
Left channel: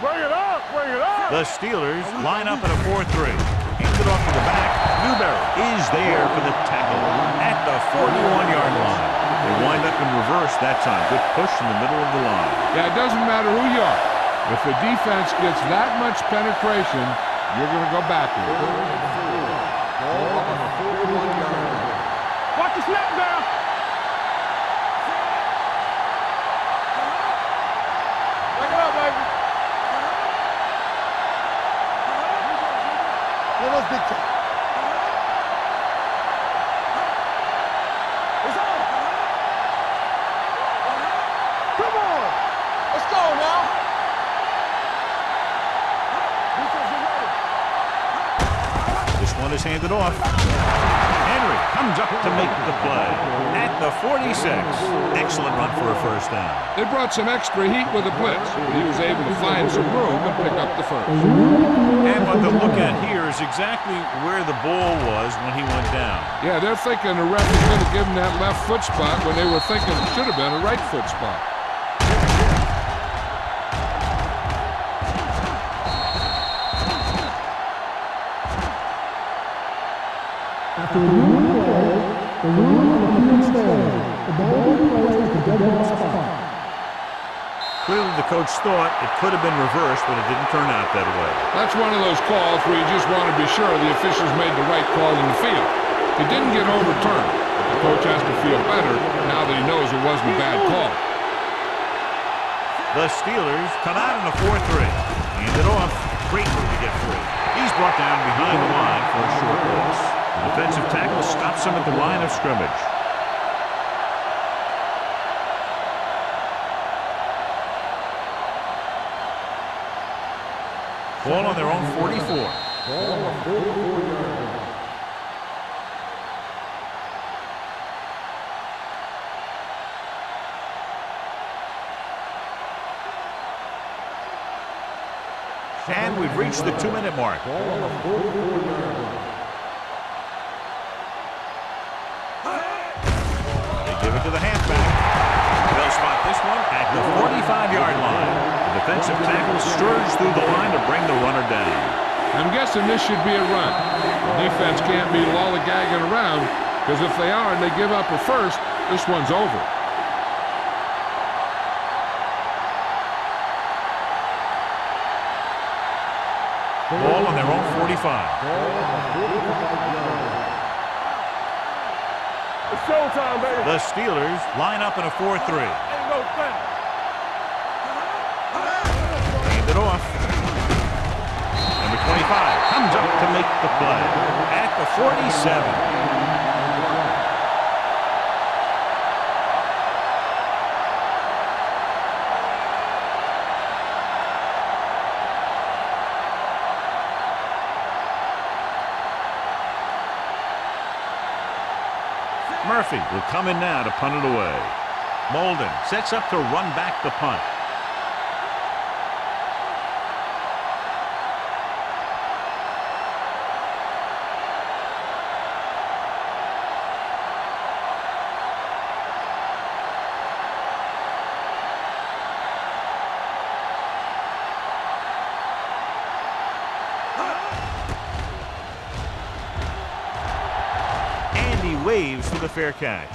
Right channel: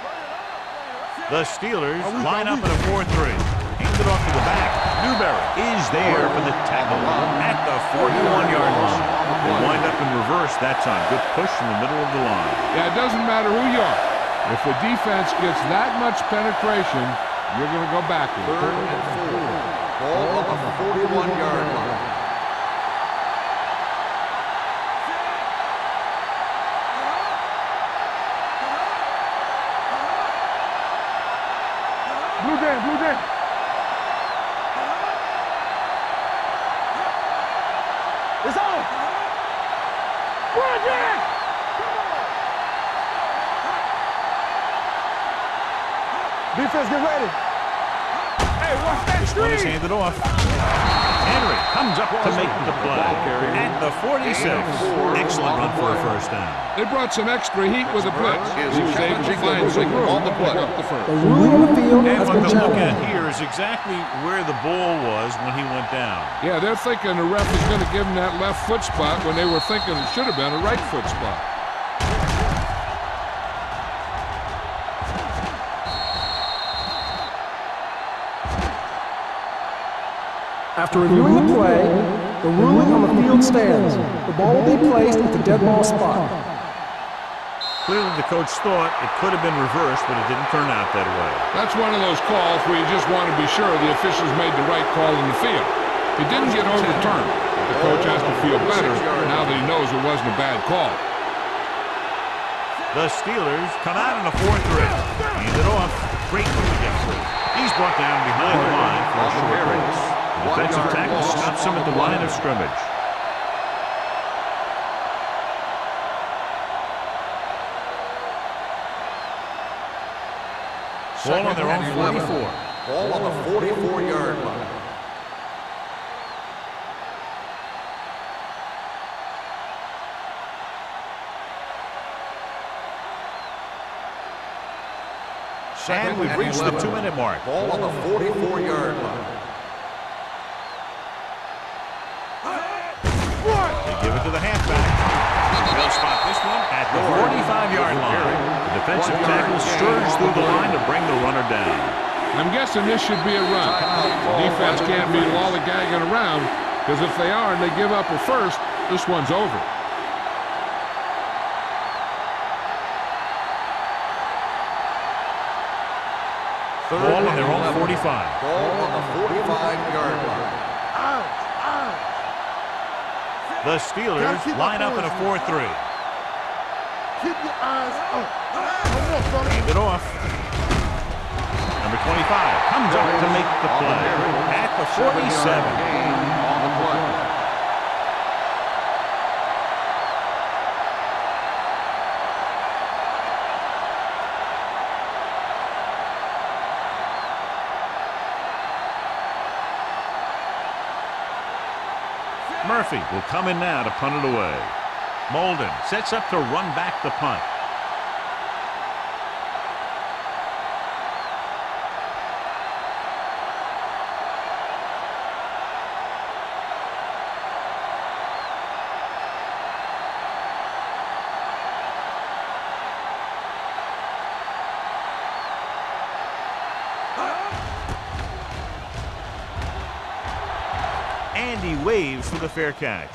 Bring it up. Bring it up. The Steelers line up in a 4-3. Hand it off to the back. Newberry is there for the tackle at the 41-yard line. They wind up in reverse that time. Good push in the middle of the line. Yeah, it doesn't matter who you are. If the defense gets that much penetration, you're going to go backward. Third and 4. Ball on the 41-yard line. Watch the snap down. It's on. Come on. Let's go now. Defense, get ready. This one is handed off. Henry comes up to make the play at the 46. Excellent run for a first down. They brought some extra heat with a blitz. He was able to find some room and pick up the first. And what they'll look at here is exactly where the ball was when he went down. Yeah, they're thinking the ref is going to give him that left foot spot when they were thinking it should have been a right foot spot. After reviewing the play, the ruling on the field stands. The ball will be placed at the dead ball spot. Clearly the coach thought it could have been reversed, but it didn't turn out that way. That's one of those calls where you just want to be sure the officials made the right call in the field. It didn't get overturned, but the coach has to feel better now that he knows it wasn't a bad call. The Steelers come out in a 4-3. Hand it off. Great move to get free. He's brought down behind the line for a short loss. The defensive tackle stops him at the line of scrimmage. Ball on their own 44. Ball on the 44-yard line. And we've reached the 2-minute mark. Ball on the 44-yard line. They give it to the halfback. They'll spot this one at the 45-yard line. The defensive tackle surged through the line to bring the runner down. I'm guessing this should be a run. The defense can't be lollygagging around, because if they are and they give up a first, this one's over. Ball on their own 45. Ball on the 45-yard line. The Steelers line up in a 4-3. Hand it off. Number 25 comes up to make the play at the 47. Murphy will come in now to punt it away. Molden sets up to run back the punt. And he waves for the fair catch.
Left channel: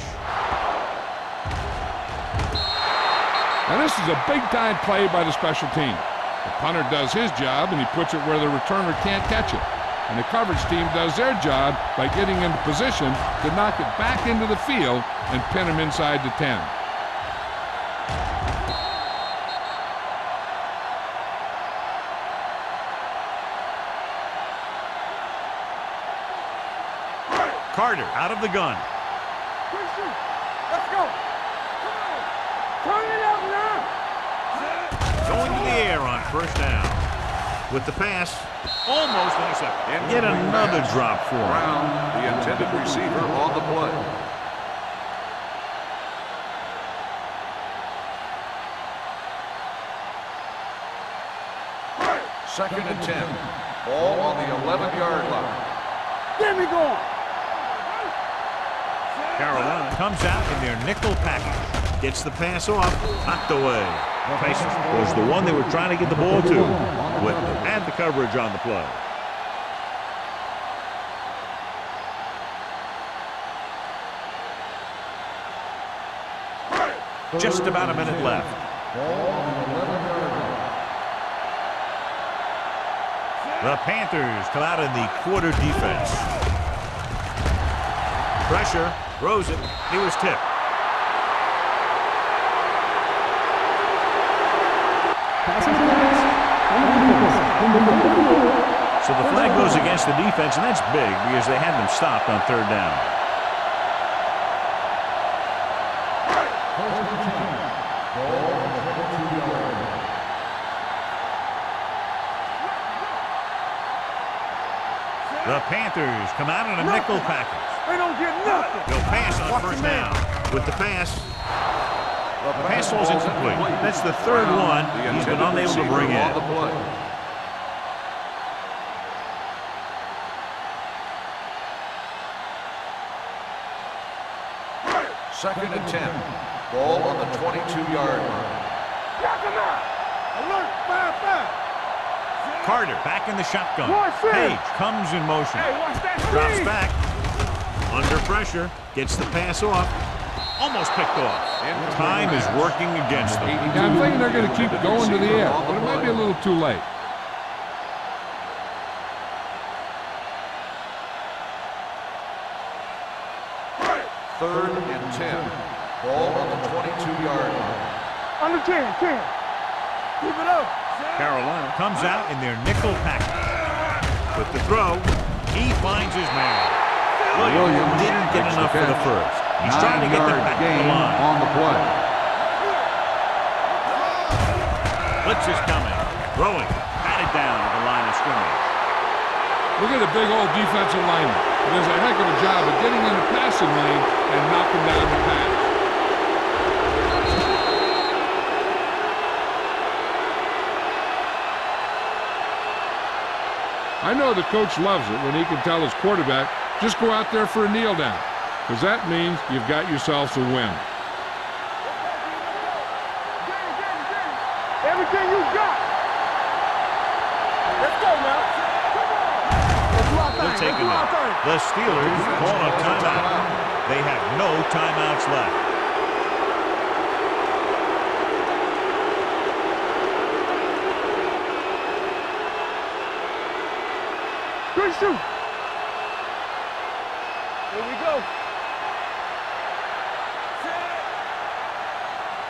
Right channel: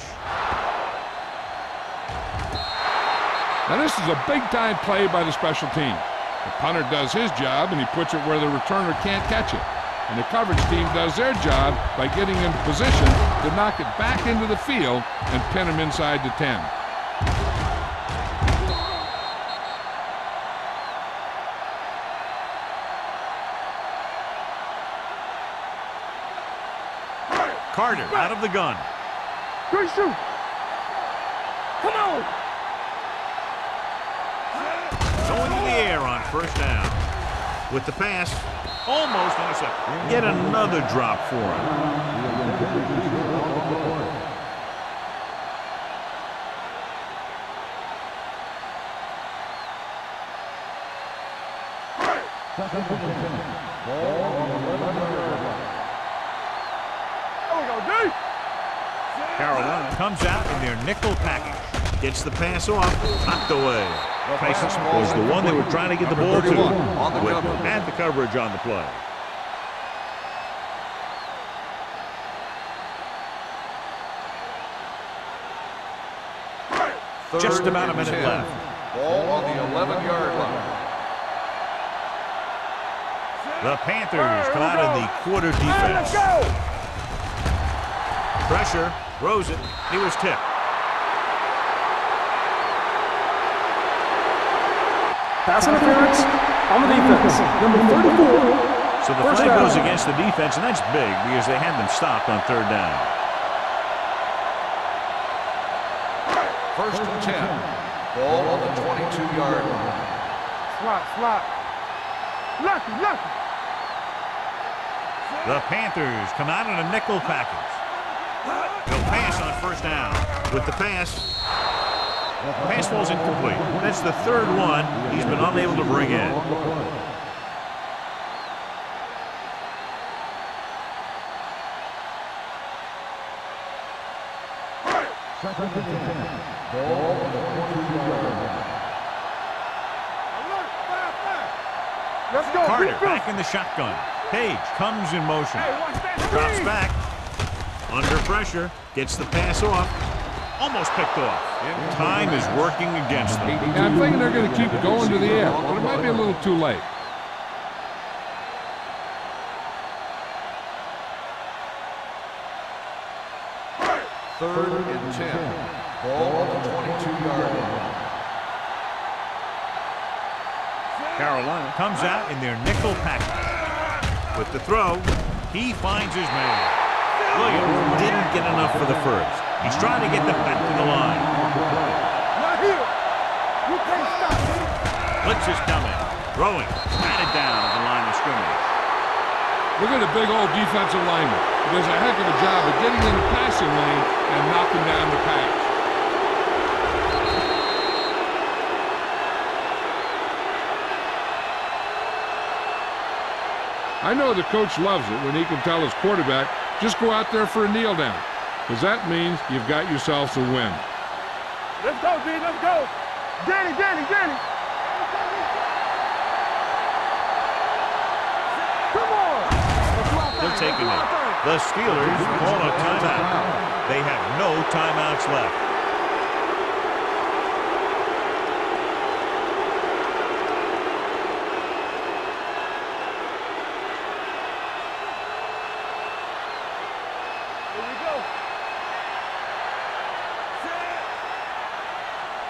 Now this is a big-time play by the special team. The punter does his job, and he puts it where the returner can't catch it. And the coverage team does their job by getting into position to knock it back into the field and pin him inside the 10. Carter out of the gun. Good shoot. Let's go. Come on. Turn it up now. Going to the air on first down. With the pass, almost intercepted. Yet another drop for him. The intended receiver on the play. Second and 10. Ball on the 11-yard line. Get me going. Carolina comes out in their nickel package. Gets the pass off, knocked away. Tyson was the one they were trying to get the ball to. Whitman had the coverage on the play. Just about a minute left. Ball on the 11-yard line. The Panthers come out in the quarter defense. Pressure, throws it, he was tipped. Pass interference on the defense. Number 34. So the flag goes against the defense, and that's big because they had them stopped on third down. First and 10. Ball on the 22-yard line. Slot. Lucky. The Panthers come out in a nickel package. They don't get nothing. They'll pass on first down. With the pass falls incomplete. That's the third one he's been unable to bring in. Second and 10. Ball on the 22-yard line. Alert, 5-5. Let's go. Carter back in the shotgun. Page comes in motion. Hey, watch that Drops screen. back. Under pressure. Gets the pass off. Almost picked off. Time is working against them. Yeah, I'm thinking they're going to keep going to the air, but it might be a little too late. Third and 10. Ball on the 22-yard line. Under 10. Keep it up. Carolina comes out in their nickel package. With the throw, he finds his man. Williams didn't get enough for the first. He's trying to get them back to the line. On the play. Right here. You can't stop. Blitz is coming. Throwing. Batted down at the line of scrimmage. Look at the big old defensive lineman. He does a heck of a job of getting in the passing lane and knocking down the pass. I know the coach loves it when he can tell his quarterback, just go out there for a kneel down, because that means you've got yourselves a win. Let's go, B. Let's go. Danny. Everything you got. Let's go now. Come on. Let's do our thing. They're taking it. The Steelers call a timeout. They have no timeouts left. Good shoot. Here we go. Set.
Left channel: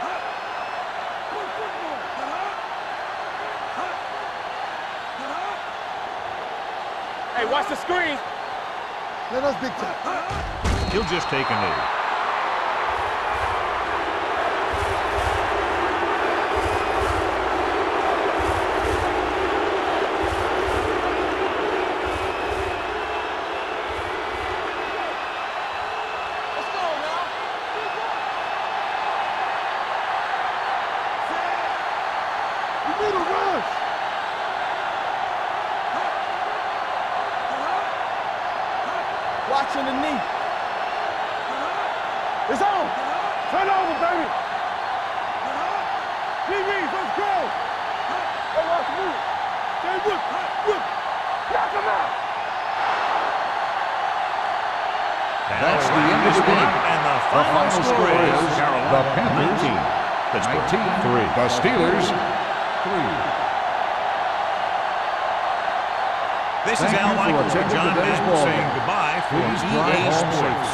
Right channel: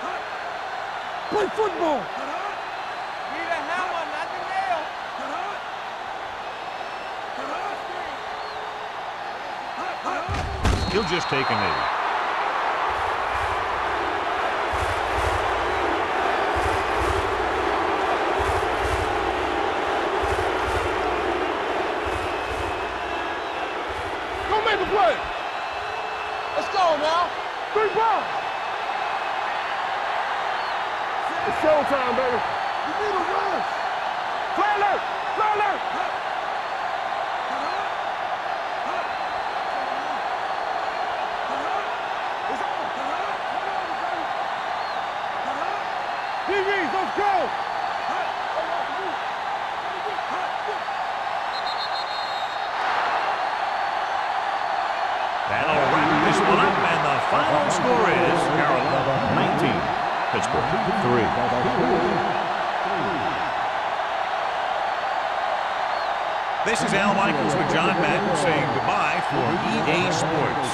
Hut. Play football. Hut. Need a hammer, not the nail. Hut. Hey, watch the screen. Let us be cut. He'll just take a knee. Go make a play. Let's go now. 3 balls. It's showtime, baby. You need a rush. Play left. Play left. Hut. Hut. Hut. Watching the knee. Hut. It's on. Hut. Turn over, baby. Hut. DBs, let's go. Hut. Hey, watch the move. Hey, look. Hut. Look. Knock him out. That'll wrap this one up, and the final score is Carolina 19, Pittsburgh 3. The Steelers 3. This is Al Michaels with John Madden saying goodbye for EA Sports.